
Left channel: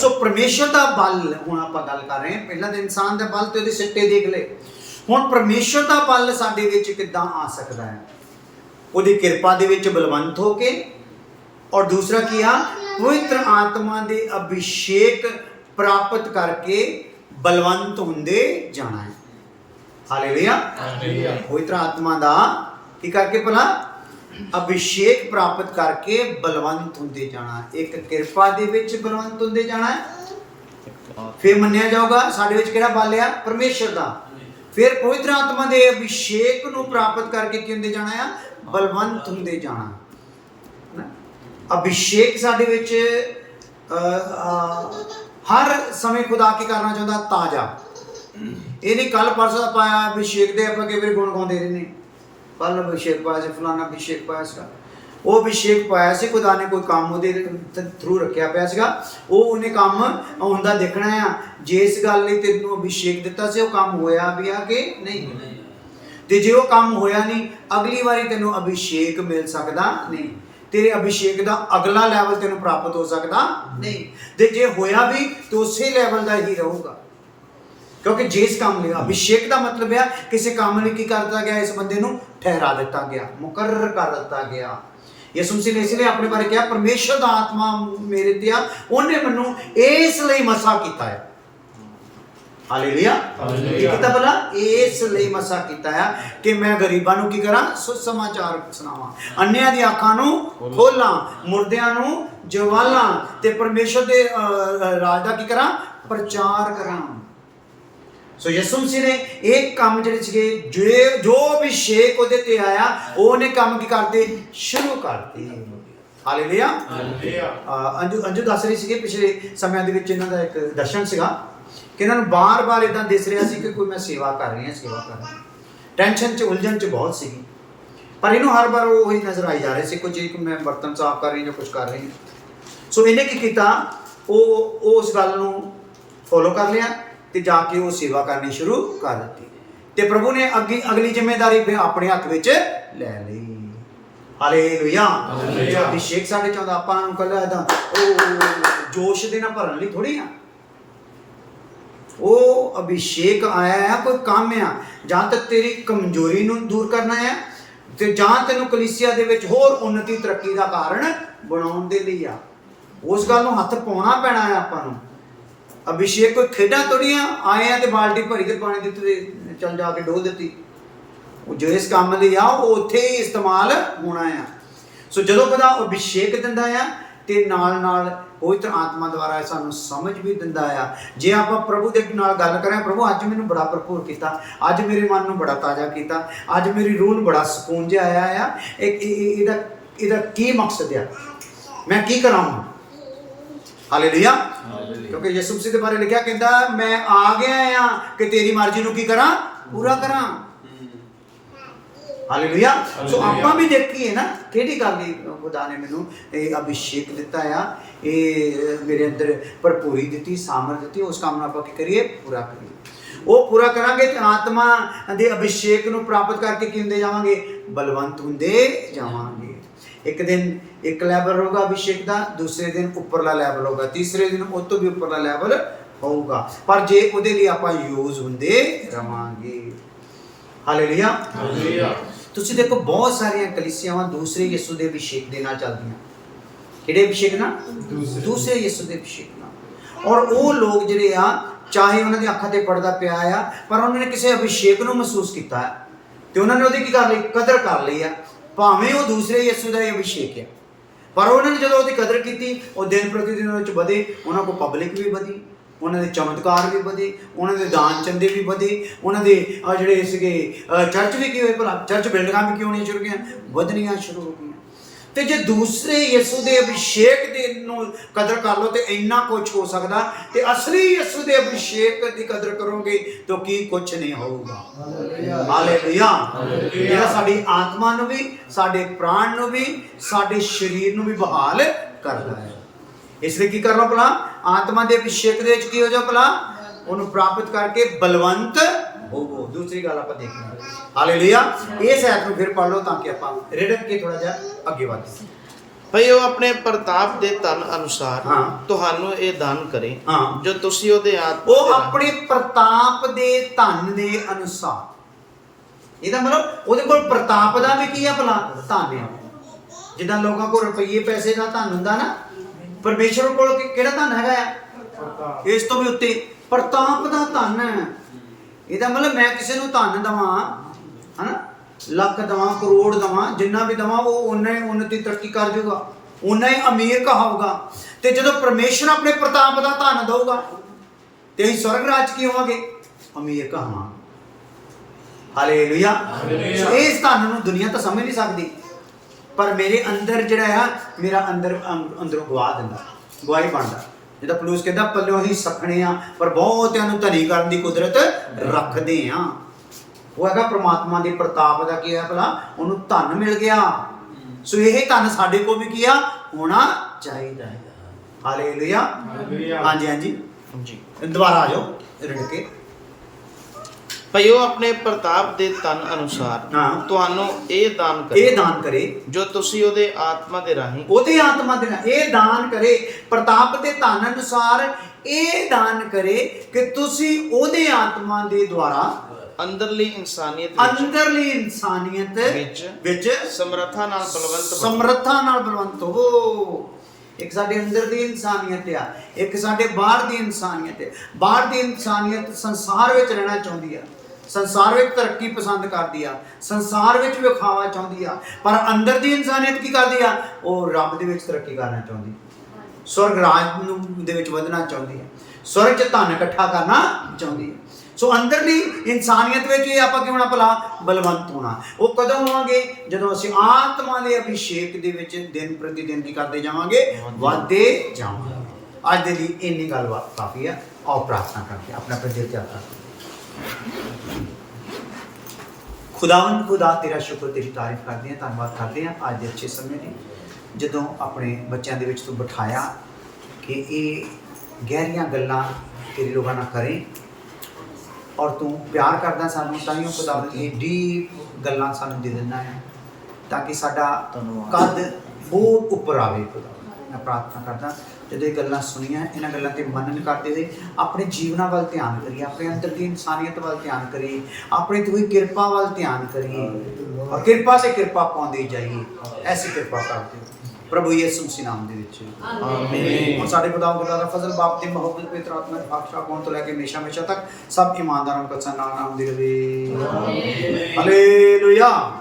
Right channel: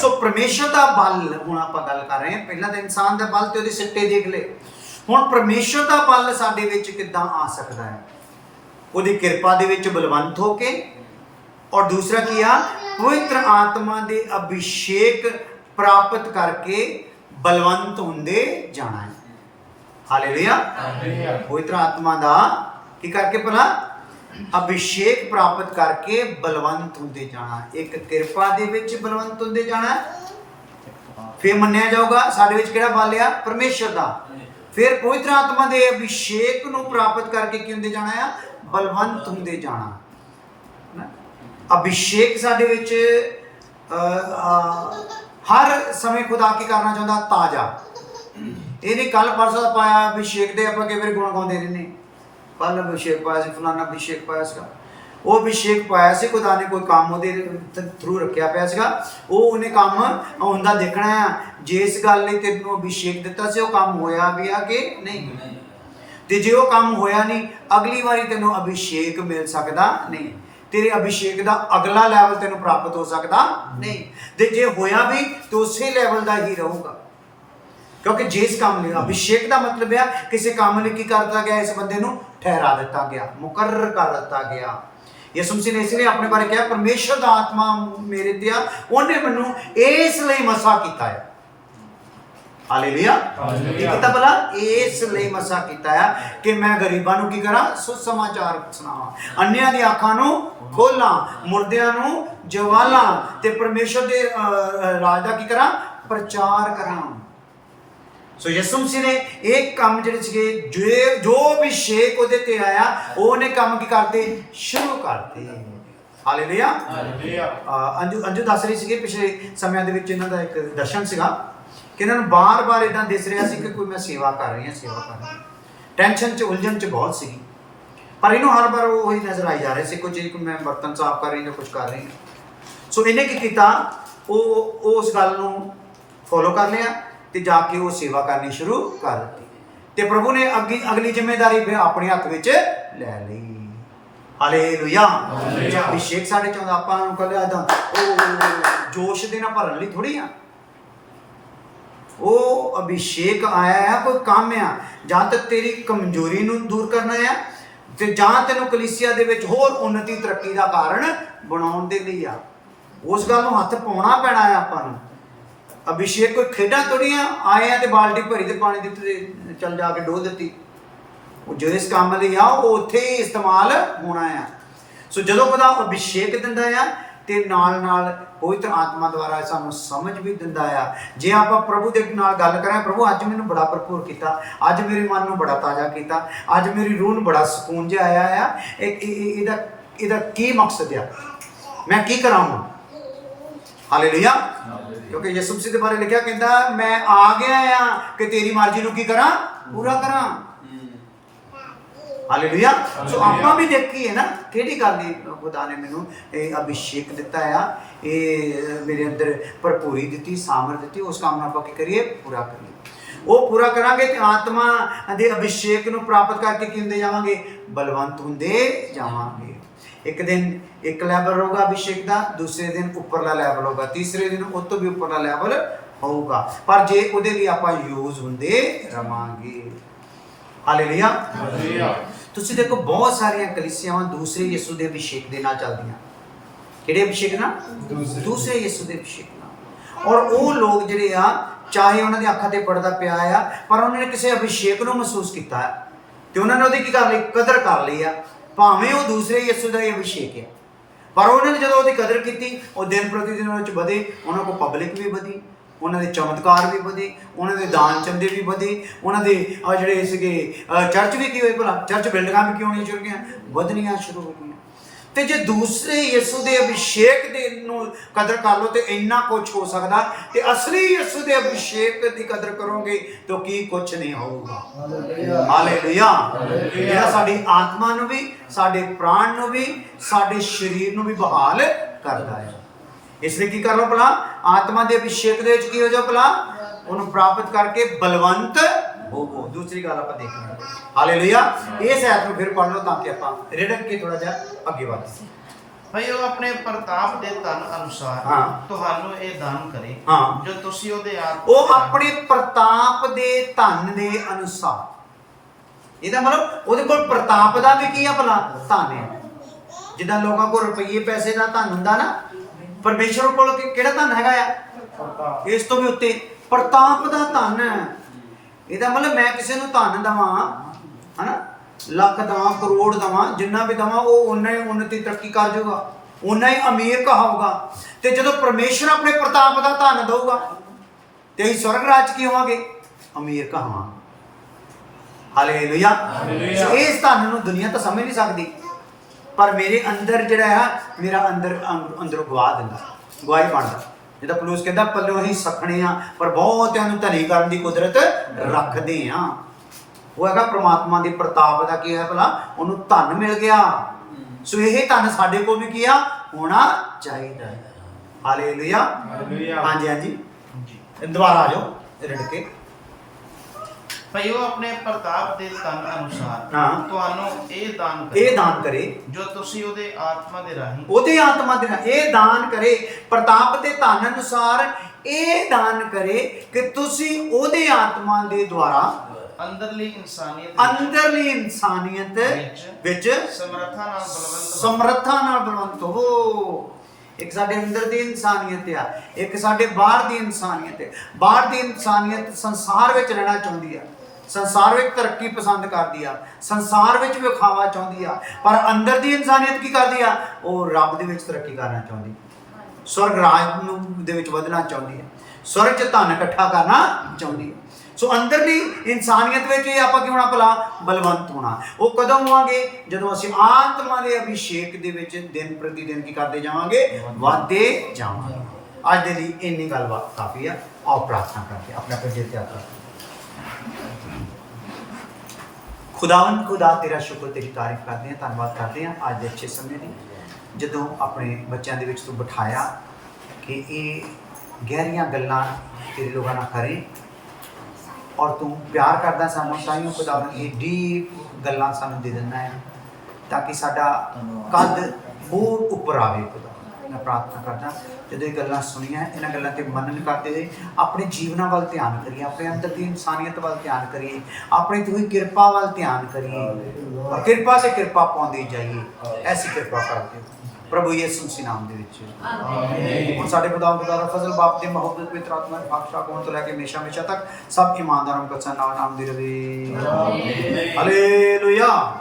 ਸੋ ਪਰਮੇਸ਼ਰ ਦਾ ਬਲ, ਹੁਣ ਆਪਾਂ ਗੱਲ ਕਰ ਰਹੇ ਹਾਂ, ਪਹਿਲਾਂ ਤਾਂ ਇਨਸਾਨ ਦਾ ਬਲ ਤੇ ਉਹਦੇ ਸਿੱਟੇ ਦੇਖ ਲਏ, ਹੁਣ ਪਰਮੇਸ਼ਰ ਦਾ ਬਲ ਸਾਡੇ ਵਿੱਚ ਕਿੱਦਾਂ ਆ ਸਕਦਾ ਹੈ? ਉਹਦੀ ਕਿਰਪਾ ਦੇ ਵਿੱਚ ਬਲਵੰਤ ਹੋ ਕੇ, ਔਰ ਦੂਸਰਾ ਕੀ ਆ? ਪਵਿੱਤਰ ਆਤਮਾ ਦੇ ਅਭਿਸ਼ੇਕ ਪ੍ਰਾਪਤ ਕਰਕੇ ਬਲਵੰਤ ਹੁੰਦੇ ਜਾਣਾ ਹੈ। ਹਾਲੇਲੂਇਆ। ਪਵਿੱਤਰ ਆਤਮਾ ਦਾ ਕੀ ਕਰਕੇ? ਭਲਾ ਅਭਿਸ਼ੇਕ ਪ੍ਰਾਪਤ ਕਰਕੇ ਬਲਵੰਤ ਹੁੰਦੇ ਜਾਣਾ। ਇੱਕ ਕਿਰਪਾ ਦੇ ਵਿੱਚ ਬਲਵੰਤ ਹੁੰਦੇ ਜਾਣਾ ਹੈ, ਫਿਰ ਮੰਨਿਆ ਜਾਊਗਾ ਸਾਡੇ ਵਿੱਚ ਕਿਹੜਾ ਬਲ ਆ? ਪਰਮੇਸ਼ਰ ਦਾ। ਫਿਰ ਪਵਿੱਤਰ ਆਤਮਾ ਦੇ ਅਭਿਸ਼ੇਕ ਨੂੰ ਪ੍ਰਾਪਤ ਕਰਕੇ ਕੀ ਹੁੰਦੇ ਜਾਣਾ ਆ? ਬਲਵੰਤ ਹੁੰਦੇ ਜਾਣਾ। ਅਭਿਸ਼ੇਕ ਸਾਡੇ ਵਿੱਚ ਹਰ ਸਮੇਂ ਖੁਦਾ ਕੀ ਕਰਨਾ ਚਾਹੁੰਦਾ? ਤਾਜ਼ਾ। ਇਹ ਨਹੀਂ ਕੱਲ ਪਰਸੋਂ ਦਾ ਪਾਇਆ ਅਭਿਸ਼ੇਕ ਦੇ ਆਪਾਂ ਕਈ ਵਾਰੀ ਗੁਣ ਗਾਉਂਦੇ ਰਹਿੰਦੇ, ਕੱਲ ਅਭਿਸ਼ੇਕ ਪਾਇਆ ਸੀ, ਫਲਾਣਾ ਅਭਿਸ਼ੇਕ ਪਾਇਆ ਸੀਗਾ। ਉਹ ਅਭਿਸ਼ੇਕ ਪਾਇਆ ਸੀ, ਖੁਦਾ ਨੇ ਕੋਈ ਕੰਮ ਉਹਦੇ ਥਰੂ ਰੱਖਿਆ ਪਿਆ ਸੀਗਾ, ਉਹਨੇ ਕੰਮ ਹੁੰਦਾ ਦੇਖਣਾ ਆ। ਜੇ ਇਸ ਗੱਲ ਲਈ ਤੈਨੂੰ ਅਭਿਸ਼ੇਕ ਦਿੱਤਾ ਸੀ ਉਹ ਕੰਮ ਹੋਇਆ ਵੀ ਆ ਕਿ ਨਹੀਂ? ਤੇ ਜੇ ਉਹ ਕੰਮ ਹੋਇਆ ਨਹੀਂ, ਅਗਲੀ ਵਾਰੀ ਤੈਨੂੰ ਅਭਿਸ਼ੇਕ ਮਿਲ ਸਕਦਾ ਨਹੀਂ। ਤੇਰੇ ਅਭਿਸ਼ੇਕ ਦਾ ਅਗਲਾ ਲੈਵਲ ਤੈਨੂੰ ਪ੍ਰਾਪਤ ਹੋ ਸਕਦਾ ਨਹੀਂ। ਤੇ ਜੇ ਹੋਇਆ ਵੀ ਤੇ ਉਸੇ ਲੈਵਲ ਦਾ ਹੀ ਰਹੂਗਾ, ਕਿਉਂਕਿ ਜਿਸ ਕੰਮ ਲਈ ਅਭਿਸ਼ੇਕ ਦਾ ਮਤਲਬ ਹੈ ਕਿਸੇ ਕੰਮ ਲਈ ਕੀ ਕਰ ਦਿੱਤਾ ਗਿਆ? ਇਸ ਬੰਦੇ ਨੂੰ ਠਹਿਰਾ ਦਿੱਤਾ ਗਿਆ, ਮੁਕਰਰ ਕਰ ਦਿੱਤਾ ਗਿਆ। ਯਿਸੂ ਮਸੀਹ ਨੇ ਇਸ ਲਈ ਆਪਣੇ ਬਾਰੇ ਕਿਹਾ ਪਰਮੇਸ਼ਰ ਦਾ ਆਤਮਾ ਮੇਰੇ ਤੇ ਆ, ਉਹਨੇ ਮੈਨੂੰ ਇਸ ਲਈ ਮਸਾ ਕੀਤਾ ਹੈ। ਹਾਲੇਲੂਇਆ। ਇਹ ਕੀਤਾ ਭਲਾ ਇਸ ਲਈ ਮਸਾ ਕੀਤਾ ਆ ਕਿ ਮੈਂ ਗਰੀਬਾਂ ਨੂੰ ਕੀ ਕਰਾਂ? ਸੁਸਮਾਚਾਰ ਸੁਣਾਵਾਂ, ਅੰਨ੍ਹਿਆਂ ਦੀਆਂ ਅੱਖਾਂ ਨੂੰ ਖੋਲਾਂ, ਮੁਰਦਿਆਂ ਨੂੰ ਜਵਾਲਾਂ, ਤੇ ਪਰਮੇਸ਼ਰ ਦੇ ਰਾਜ ਦਾ ਕੀ ਕਰਾਂ? ਪ੍ਰਚਾਰ ਕਰਾਂ। ਸੋ ਯਿਸੂ ਮਸੀਹ ਨੇ ਇਹ ਕੰਮ ਜਿਹੜੇ ਸੀਗੇ ਜੋ ਅਭਿਸ਼ੇਕ ਉਹਦੇ ਤੇ ਆਇਆ ਉਹਨੇ ਕੰਮ ਕੀ ਕਰਦੇ? ਸ਼ੁਰੂ ਕਰਤੇ। ਹਾਲੇਲੂਇਆ। ਅੰਜੂ ਦੱਸ ਰਹੀ ਸੀਗੇ ਪਿਛਲੇ ਸਮਿਆਂ ਦੇ ਵਿੱਚ ਇਹਨਾਂ ਦਾ ਇੱਕ ਦਰਸ਼ਨ ਸੀਗਾ ਕਿ ਇਹਨਾਂ ਨੂੰ ਬਾਰ-ਬਾਰ ਇਦਾਂ ਦਿਸ ਰਿਹਾ ਸੀ ਕਿ ਕੋਈ ਮੈਂ ਸੇਵਾ ਕਰ ਰਹੀ ਹਾਂ। ਟੈਨਸ਼ਨ 'ਚ ਉਲਝਣ 'ਚ ਬਹੁਤ ਸੀਗੀ, ਪਰ ਇਹਨੂੰ ਹਰ ਵਾਰ ਉਹ ਹੀ ਨਜ਼ਰ ਆਈ ਜਾ ਰਹੇ ਸੀ ਕੋਈ ਮੈਂ ਬਰਤਨ ਸਾਫ਼ ਕਰ ਰਹੀ ਜਾਂ ਕੁਝ ਕਰ ਰਹੀ ਹਾਂ। ਸੋ ਇਹਨੇ ਕੀ ਕੀਤਾ? ਉਹ ਉਸ ਗੱਲ ਨੂੰ ਫੋਲੋ ਕਰ ਲਿਆ ਤੇ ਜਾ ਕੇ ਉਹ ਸੇਵਾ ਕਰਨੀ ਸ਼ੁਰੂ ਕਰ ਦਿੱਤੀ। ਤੇ ਪ੍ਰਭੂ ਨੇ ਅਗਲੀ ਜ਼ਿੰਮੇਵਾਰੀ ਫਿਰ ਆਪਣੇ ਹੱਥ ਵਿੱਚ ਲੈ ਲਈ। ਹਾਲੇਲੂਇਆ। ਜੇ ਅਭਿਸ਼ੇਕ ਸਾਡੇ ਚਾਹੁੰਦਾ ਆਪਾਂ ਨੂੰ ਕੱਲਾ ਇਦਾਂ ਉਹ ਜੋਸ਼ ਦੇ ਨਾਲ ਭਰਨ ਲਈ ਥੋੜੀ ਆ। ਉਹ ਅਭਿਸ਼ੇਕ ਆਇਆ ਆ, ਕੋਈ ਕੰਮ ਆ, ਜਾਂ ਤਾਂ ਤੇਰੀ ਕਮਜ਼ੋਰੀ ਨੂੰ ਦੂਰ ਕਰਨਾ ਆ ਤੇ ਜਾਂ ਤੈਨੂੰ ਕਲੀਸਿਆ ਦੇ ਵਿੱਚ ਹੋਰ ਉન્નਤੀ ਤਰੱਕੀ ਦਾ ਕਾਰਨ ਬਣਾਉਣ ਦੇ ਲਈ ਆ। ਉਸ ਗੱਲ ਨੂੰ ਹੱਥ ਪਾਉਣਾ ਪੈਣਾ ਹੈ ਆਪਾਂ ਨੂੰ। ਅਭਿਸ਼ੇਕ ਕੋਈ ਖੇਡਾਂ ਥੋੜ੍ਹੀਆਂ ਆਏ ਆ ਤੇ ਬਾਲਟੀ ਭਰੀ ਤੇ ਪਾਣੀ ਦਿੱਤੀ ਤੇ ਚੱਲ ਜਾ ਕੇ ਡੋਲ ਦਿੱਤੀ। ਉਹ ਜੋ ਇਸ ਕੰਮ ਲਈ ਆ ਉਹ ਉੱਥੇ ਹੀ ਇਸਤੇਮਾਲ ਹੋਣਾ ਆ। ਸੋ ਜਦੋਂ ਖੁਦਾ ਅਭਿਸ਼ੇਕ ਦਿੰਦਾ ਆ ਤੇ ਨਾਲ ਨਾਲ ਪਵਿੱਤਰ ਆਤਮਾ ਦੁਆਰਾ ਸਾਨੂੰ ਸਮਝ ਵੀ ਦਿੰਦਾ ਆ। ਜੇ ਆਪਾਂ ਪ੍ਰਭੂ ਦੇ ਨਾਲ ਗੱਲ ਕਰਾਂ, ਪ੍ਰਭੂ ਅੱਜ ਮੈਨੂੰ ਬੜਾ ਭਰਪੂਰ ਕੀਤਾ, ਅੱਜ ਮੇਰੇ ਮਨ ਨੂੰ ਬੜਾ ਤਾਜ਼ਾ ਕੀਤਾ, ਅੱਜ ਮੇਰੀ ਰੂਹ ਨੂੰ ਬੜਾ ਸਕੂਨ ਜਿਹਾ ਆਇਆ ਆ, ਇਹਦਾ ਕੀ ਮਕਸਦ ਆ, ਮੈਂ ਕੀ ਕਰਾਂ ਹੁਣ। ਹਾਲੇਲੂਇਆ। ਕਿਉਂਕਿ ਯਿਸੂ ਮਸੀਹ ਦੇ ਬਾਰੇ ਲਿਖਿਆ, ਕਹਿੰਦਾ ਮੈਂ ਆ ਗਿਆ ਆ ਕਿ ਤੇਰੀ ਮਰਜ਼ੀ ਨੂੰ ਕੀ ਕਰਾਂ, ਪੂਰਾ ਕਰਾਂ। ਹਾਲੇਲੂਇਆ। ਸੋ ਆਪਾਂ ਵੀ ਦੇਖੀਏ ਨਾ ਕਿਹੜੀ ਗੱਲ ਦੀ ਖੁਦਾ ਨੇ ਮੈਨੂੰ ਇਹ ਅਭਿਸ਼ੇਕ ਦਿੱਤਾ ਆ, ਇਹ ਮੇਰੇ ਅੰਦਰ ਭਰਪੂਰੀ ਦਿੱਤੀ, ਸਾਮਰਥ ਦਿੱਤੀ। ਉਸ ਕੰਮ ਨੂੰ ਆਪਾਂ ਕੀ ਕਰੀਏ, ਪੂਰਾ ਕਰੀਏ। ਉਹ ਪੂਰਾ ਕਰਾਂਗੇ ਤੇ ਆਤਮਾ ਦੇ ਅਭਿਸ਼ੇਕ ਨੂੰ ਪ੍ਰਾਪਤ ਕਰਕੇ ਕੀ ਹੁੰਦੇ ਜਾਵਾਂਗੇ, ਬਲਵੰਤ ਹੁੰਦੇ ਜਾਵਾਂਗੇ। ਇੱਕ ਦਿਨ ਇੱਕ ਲੈਵਲ ਹੋਊਗਾ ਅਭਿਸ਼ੇਕ ਦਾ, ਦੂਸਰੇ ਦਿਨ ਉੱਪਰਲਾ ਲੈਵਲ ਹੋਊਗਾ, ਤੀਸਰੇ ਦਿਨ ਉਹ ਤੋਂ ਵੀ ਉੱਪਰਲਾ ਲੈਵਲ ਹੋਊਗਾ। ਪਰ ਜੇ ਉਹਦੇ ਲਈ ਆਪਾਂ ਯੂਜ਼ ਹੁੰਦੇ ਰਵਾਂਗੇ। ਹਾਲੇਲੂਇਆ। ਤੁਸੀਂ ਦੇਖੋ ਬਹੁਤ ਸਾਰੀਆਂ ਕਲੀਸਿਆਵਾਂ ਦੂਸਰੇ ਯਿਸੂ ਦੇ ਅਭਿਸ਼ੇਕ ਦੇ ਨਾਲ ਚੱਲਦੀਆਂ। ਕਿਹੜੇ ਅਭਿਸ਼ੇਕ ਨਾਲ? ਦੂਸਰੇ ਯਿਸੂ ਦੇ ਅਭਿਸ਼ੇਕ ਨਾਲ। ਔਰ ਉਹ ਲੋਕ ਜਿਹੜੇ ਆ, ਚਾਹੇ ਉਹਨਾਂ ਦੀ ਅੱਖਾਂ ਤੇ ਪਰਦਾ ਪਿਆ ਆ, ਪਰ ਉਹਨਾਂ ਨੇ ਕਿਸੇ ਅਭਿਸ਼ੇਕ ਨੂੰ ਮਹਿਸੂਸ ਕੀਤਾ ਤੇ ਉਹਨਾਂ ਨੇ ਉਹਦੀ ਕੀ ਕਰ ਲਈ, ਕਦਰ ਕਰ ਲਈ ਆ। ਭਾਵੇਂ ਉਹ ਦੂਸਰੇ ਯਿਸੂ ਦਾ ਹੀ ਅਭਿਸ਼ੇਕ ਹੈ, ਪਰ ਉਹਨਾਂ ਨੇ ਜਦੋਂ ਉਹਦੀ ਕਦਰ ਕੀਤੀ, ਉਹ ਦਿਨ ਪ੍ਰਤੀ ਦਿਨ ਉਹਨਾਂ 'ਚ ਵਧੇ। ਉਹਨਾਂ ਕੋਲ ਪਬਲਿਕ ਵੀ ਵਧੀ, ਉਹਨਾਂ ਦੇ ਚਮਤਕਾਰ ਵੀ ਵਧੇ, ਉਹਨਾਂ ਦੇ ਦਾਨ ਚੰਦੇ ਵੀ ਵਧੇ, ਉਹਨਾਂ ਦੇ ਜਿਹੜੇ ਸੀਗੇ ਚਰਚ ਵੀ ਕੀ ਹੋਏ, ਭਲਾ ਚਰਚ ਬਿਲਡਿੰਗਾਂ ਵੀ ਕਿਉਂ ਨਹੀਂ ਸ਼ੁਰੂ ਗਈਆਂ, ਵਧਣੀਆਂ ਸ਼ੁਰੂ ਹੋ ਗਈਆਂ। ਤੇ ਜੇ ਦੂਸਰੇ ਯਿਸੂ ਦੇ ਅਭਿਸ਼ੇਕ ਦੇ ਨੂੰ ਕਦਰ ਕਰ ਲਓ ਤੇ ਇੰਨਾ ਕੁਝ ਹੋ ਸਕਦਾ, ਤੇ ਅਸਲੀ ਯਿਸੂ ਦੇ ਅਭਿਸ਼ੇਕ ਦੀ ਕਦਰ ਕਰੋਗੇ ਤਾਂ ਕੀ ਕੁਝ ਨਹੀਂ ਹੋਊਗਾ। ਹਾਲੇਲੂਇਆ। ਜਿਹੜਾ ਸਾਡੀ ਆਤਮਾ ਨੂੰ ਵੀ, ਸਾਡੇ ਪ੍ਰਾਣ ਨੂੰ ਵੀ, ਸਾਡੇ ਸਰੀਰ ਨੂੰ ਵੀ ਬਹਾਲ ਕਰਦਾ ਹੈ। ਇਸ ਲਈ ਕੀ ਕਰ ਲਓ ਭਲਾ, ਆਤਮਾ ਦੇ ਅਭਿਸ਼ੇਕ ਦੇ ਵਿੱਚ ਕੀ ਹੋ ਜਾਓ ਭਲਾ, ਉਹਨੂੰ ਪ੍ਰਾਪਤ ਕਰਕੇ ਬਲਵੰਤ ਹੋਵੋ। ਦੂਸਰੀ ਗੱਲ ਆਪਾਂ ਦੇਖਣੀ ਹੈ। ਹਾਲੇਲੂਇਆ। ਇਸ ਆਇਤ ਨੂੰ ਫਿਰ ਪੜ੍ਹ ਲਓ ਤਾਂ ਕਿ ਆਪਾਂ ਰਿੜਕ ਕੇ ਥੋੜਾ ਜਿਹਾ ਅੱਗੇ ਵਧੀਏ। ਭਈ ਉਹ ਆਪਣੇ ਪ੍ਰਤਾਪ ਦੇ ਧਨ ਅਨੁਸਾਰ ਤੁਹਾਨੂੰ ਇਹ ਦਾਨ ਕਰੇ ਜੋ ਤੁਸੀਂ ਉਹਦੇ ਉਹ ਆਪਣੇ ਪ੍ਰਤਾਪ ਦੇ ਧਨ ਦੇ ਅਨੁਸਾਰ। ਇਹਦਾ ਮਤਲਬ ਉਹਦੇ ਕੋਲ ਪ੍ਰਤਾਪ ਦਾ ਵੀ ਕੀ ਆ ਭਲਾ, ਧਨ ਹੈ। ਜਿੱਦਾਂ ਲੋਕਾਂ ਕੋਲ ਰੁਪਈਏ ਪੈਸੇ ਦਾ ਧਨ ਹੁੰਦਾ ਨਾ, ਪਰਮੇਸ਼ਰ ਕੋਲ ਕਿਹੜਾ ਧਨ ਹੈਗਾ ਆ, ਇਸ ਤੋਂ ਵੀ ਉੱਤੇ ਪ੍ਰਤਾਪ ਦਾ ਧਨ ਹੈ। ਇਹਦਾ ਮਤਲਬ ਮੈਂ ਕਿਸੇ ਨੂੰ ਧਨ ਦੇਵਾਂ, ਹਨਾ, ਲੱਖ ਦੇਵਾਂ, ਕਰੋੜ ਦੇਵਾਂ, ਜਿੰਨਾ ਵੀ ਦੇਵਾਂ, ਉਹ ਉਨਾ ਹੀ ਉੱਨਤੀ ਤਰੱਕੀ ਕਰ ਜਾਊਗਾ, ਉਨਾ ਹੀ ਅਮੀਰ ਕਹਾਊਗਾ। ਤੇ ਜਦੋਂ ਪਰਮੇਸ਼ਰ ਆਪਣੇ ਪ੍ਰਤਾਪ ਦਾ ਧਨ ਦਊਗਾ ਤੇ ਅਸੀਂ ਸਵਰਗ ਰਾਜ ਕੀ ਹੋਵਾਂਗੇ, ਅਮੀਰ ਕਹਾਵਾਂਗੇ। ਹਾਲੇਲੂਇਆ। ਇਸ ਧਨ ਨੂੰ ਦੁਨੀਆ ਤਾਂ ਸਮਝ ਨਹੀਂ ਸਕਦੀ, ਪਰ ਮੇਰੇ ਅੰਦਰ ਜਿਹੜਾ ਆ, ਮੇਰਾ ਅੰਦਰੋਂ ਗਵਾ ਦਿੰਦਾ, ਗਵਾਹੀ ਬਣਦਾ। ਜਿੱਦਾਂ ਪਲੂਸ ਕਹਿੰਦਾ, ਪੱਲਿਓਂ ਹੀ ਸਖਣੇ ਆ ਪਰ ਬਹੁਤਿਆਂ ਨੂੰ ਧਨੀ ਕਰਨ ਦੀ ਕੁਦਰਤ ਰੱਖਦੇ ਆ। ਉਹ ਹੈਗਾ ਪ੍ਰਮਾਤਮਾ ਦੇ ਪ੍ਰਤਾਪ ਦਾ ਕੀ ਹੈ ਭਲਾ, ਉਹਨੂੰ ਧਨ ਮਿਲ ਗਿਆ। ਸੋ ਇਹ ਧਨ ਸਾਡੇ ਕੋਲ ਵੀ ਕੀ ਆ, ਹੋਣਾ ਚਾਹੀਦਾ ਹੈ। ਹਾਲੇਲੂਇਆ। ਹਾਂਜੀ ਹਾਂਜੀ ਜੀ, ਦੁਬਾਰਾ ਆ ਜਾਓ ਰਿੜ ਕੇ। ਭਈ ਉਹ ਆਪਣੇ ਪ੍ਰਤਾਪ ਦੇ ਧਨ ਅਨੁਸਾਰ ਤੁਹਾਨੂੰ ਇਹ ਦਾਨ ਕਰੇ ਜੋ ਤੁਸੀਂ ਉਹਦੇ ਆਤਮਾ ਦੇ ਰਾਹੀਂ, ਉਹਦੇ ਆਤਮਾ ਦੇ ਨਾਲ ਇਹ ਦਾਨ ਕਰੇ। ਪ੍ਰਤਾਪ ਦੇ ਧਨ ਅਨੁਸਾਰ ਇਹ ਦਾਨ ਕਰੇ ਕਿ ਤੁਸੀਂ ਉਹਦੇ ਆਤਮਾ ਦੇ ਦੁਆਰਾ ਅੰਦਰਲੀ ਇਨਸਾਨੀਅਤ ਵਿੱਚ ਸਮਰੱਥਾ ਨਾਲ ਬਲਵੰਤ ਹੋਵੋ। ਇੱਕ ਸਾਡੇ ਅੰਦਰ ਦੀ ਇਨਸਾਨੀਅਤ ਆ, ਇੱਕ ਸਾਡੇ ਬਾਹਰ ਦੀ ਇਨਸਾਨੀਅਤ ਹੈ। ਬਾਹਰ ਦੀ ਇਨਸਾਨੀਅਤ ਸੰਸਾਰ ਵਿੱਚ ਰਹਿਣਾ ਚਾਹੁੰਦੀ ਆ, ਸੰਸਾਰ ਵਿੱਚ ਤਰੱਕੀ ਪਸੰਦ ਕਰਦੀ ਆ, ਸੰਸਾਰ ਵਿੱਚ ਵਿਖਾਵਾ ਚਾਹੁੰਦੀ ਆ। ਪਰ ਅੰਦਰ ਦੀ ਇਨਸਾਨੀਅਤ ਕੀ ਕਰਦੀ ਆ, ਉਹ ਰੱਬ ਦੇ ਵਿੱਚ ਤਰੱਕੀ ਕਰਨਾ ਚਾਹੁੰਦੀ, ਸਵਰਗ ਰਾਜ ਨੂੰ ਦੇ ਵਿੱਚ ਵਧਣਾ ਚਾਹੁੰਦੀ ਹੈ, ਸਵਰਗ 'ਚ ਧਨ ਇਕੱਠਾ ਕਰਨਾ ਚਾਹੁੰਦੀ ਹੈ। ਸੋ ਅੰਦਰਲੀ ਇਨਸਾਨੀਅਤ ਵਿੱਚ ਇਹ ਆਪਾਂ ਕੀ ਹੋਣਾ ਭਲਾ, ਬਲਵੰਤ ਹੋਣਾ। ਉਹ ਕਦੋਂ ਹੋਵਾਂਗੇ, ਜਦੋਂ ਅਸੀਂ ਆਤਮਾ ਦੇ ਅਭਿਸ਼ੇਕ ਦੇ ਵਿੱਚ ਦਿਨ ਪ੍ਰਤੀ ਦਿਨ ਕੀ ਕਰਦੇ ਜਾਵਾਂਗੇ, ਵਧਦੇ ਜਾਵਾਂਗੇ। ਅੱਜ ਦੇ ਲਈ ਇੰਨੀ ਗੱਲਬਾਤ ਕਾਫੀ ਆ। ਆਓ ਪ੍ਰਾਰਥਨਾ ਕਰਕੇ ਆਪਣਾ ਦਿਲ ਤਿਆਰ ਕਰਦੇ। ਖੁਦਾਵੰਦ ਖੁਦਾ, ਤੇਰਾ ਸ਼ੁਕਰ, ਤੇਰੀ ਤਾਰੀਫ ਕਰਦੇ ਹਾਂ, ਧੰਨਵਾਦ ਕਰਦੇ ਹਾਂ ਅੱਜ ਦੇ ਅੱਛੇ ਸਮੇਂ ਲਈ, ਜਦੋਂ ਆਪਣੇ ਬੱਚਿਆਂ ਦੇ ਵਿੱਚ ਤੂੰ ਬਿਠਾਇਆ ਕਿ ਇਹ ਗਹਿਰੀਆਂ ਗੱਲਾਂ ਤੇਰੇ ਲੋਕਾਂ ਨਾਲ ਕਰੇ। ਔਰ ਤੂੰ ਪਿਆਰ ਕਰਦਾ ਸਾਨੂੰ, ਤਾਂ ਹੀ ਉਹ ਖੁਦਾਵੰਦ ਇਹ ਡੀਪ ਗੱਲਾਂ ਸਾਨੂੰ ਦੇ ਦਿੰਦਾ ਹੈ ਤਾਂ ਕਿ ਸਾਡਾ ਕੱਦ ਹੋਰ ਉੱਪਰ ਆਵੇ। ਖੁਦਾਵੰਦ, ਮੈਂ ਪ੍ਰਾਰਥਨਾ ਕਰਦਾ ਜਦੋਂ ਇਹ ਗੱਲਾਂ ਸੁਣੀਆਂ, ਇਹਨਾਂ ਗੱਲਾਂ 'ਤੇ ਮੰਨਣ ਕਰਦੇ ਹੋਏ ਆਪਣੇ ਜੀਵਨਾਂ ਵੱਲ ਧਿਆਨ ਕਰੀਏ, ਆਪਣੇ ਅੰਦਰ ਦੀ ਇਨਸਾਨੀਅਤ ਵੱਲ ਧਿਆਨ ਕਰੀਏ, ਆਪਣੀ ਤੇ ਹੋਈ ਕਿਰਪਾ ਵੱਲ ਧਿਆਨ ਕਰੀਏ, ਔਰ ਕਿਰਪਾ ਸੇ ਕਿਰਪਾ ਪਾਉਂਦੇ ਜਾਈਏ। ਐਸੀ ਕਿਰਪਾ ਕਰਦੇ ਪ੍ਰਭੂ ਯਿਸੂ ਮਸੀਹ ਨਾਮ ਦੇ ਵਿੱਚ ਆਮੀਨ। ਹੁਣ ਸਾਡੇ ਖੁਦਾ ਦਾ ਫਜ਼ਲ, ਬਾਪ ਦੀ ਮੁਹੱਬਤ, ਪਵਿੱਤਰ ਆਤਮਾ ਦੇ ਪਾਤਸ਼ਾਹ ਹੋਣ ਤੋਂ ਲੈ ਕੇ ਹਮੇਸ਼ਾ ਹਮੇਸ਼ਾ ਤੱਕ ਸਭ ਇਮਾਨਦਾਰਾਂ ਨੂੰ ਕੱਚਾ ਨਾਮ ਦੀ ਰਵੇ। ਆਮੀਨ। ਹਾਲੇਲੂਇਆ।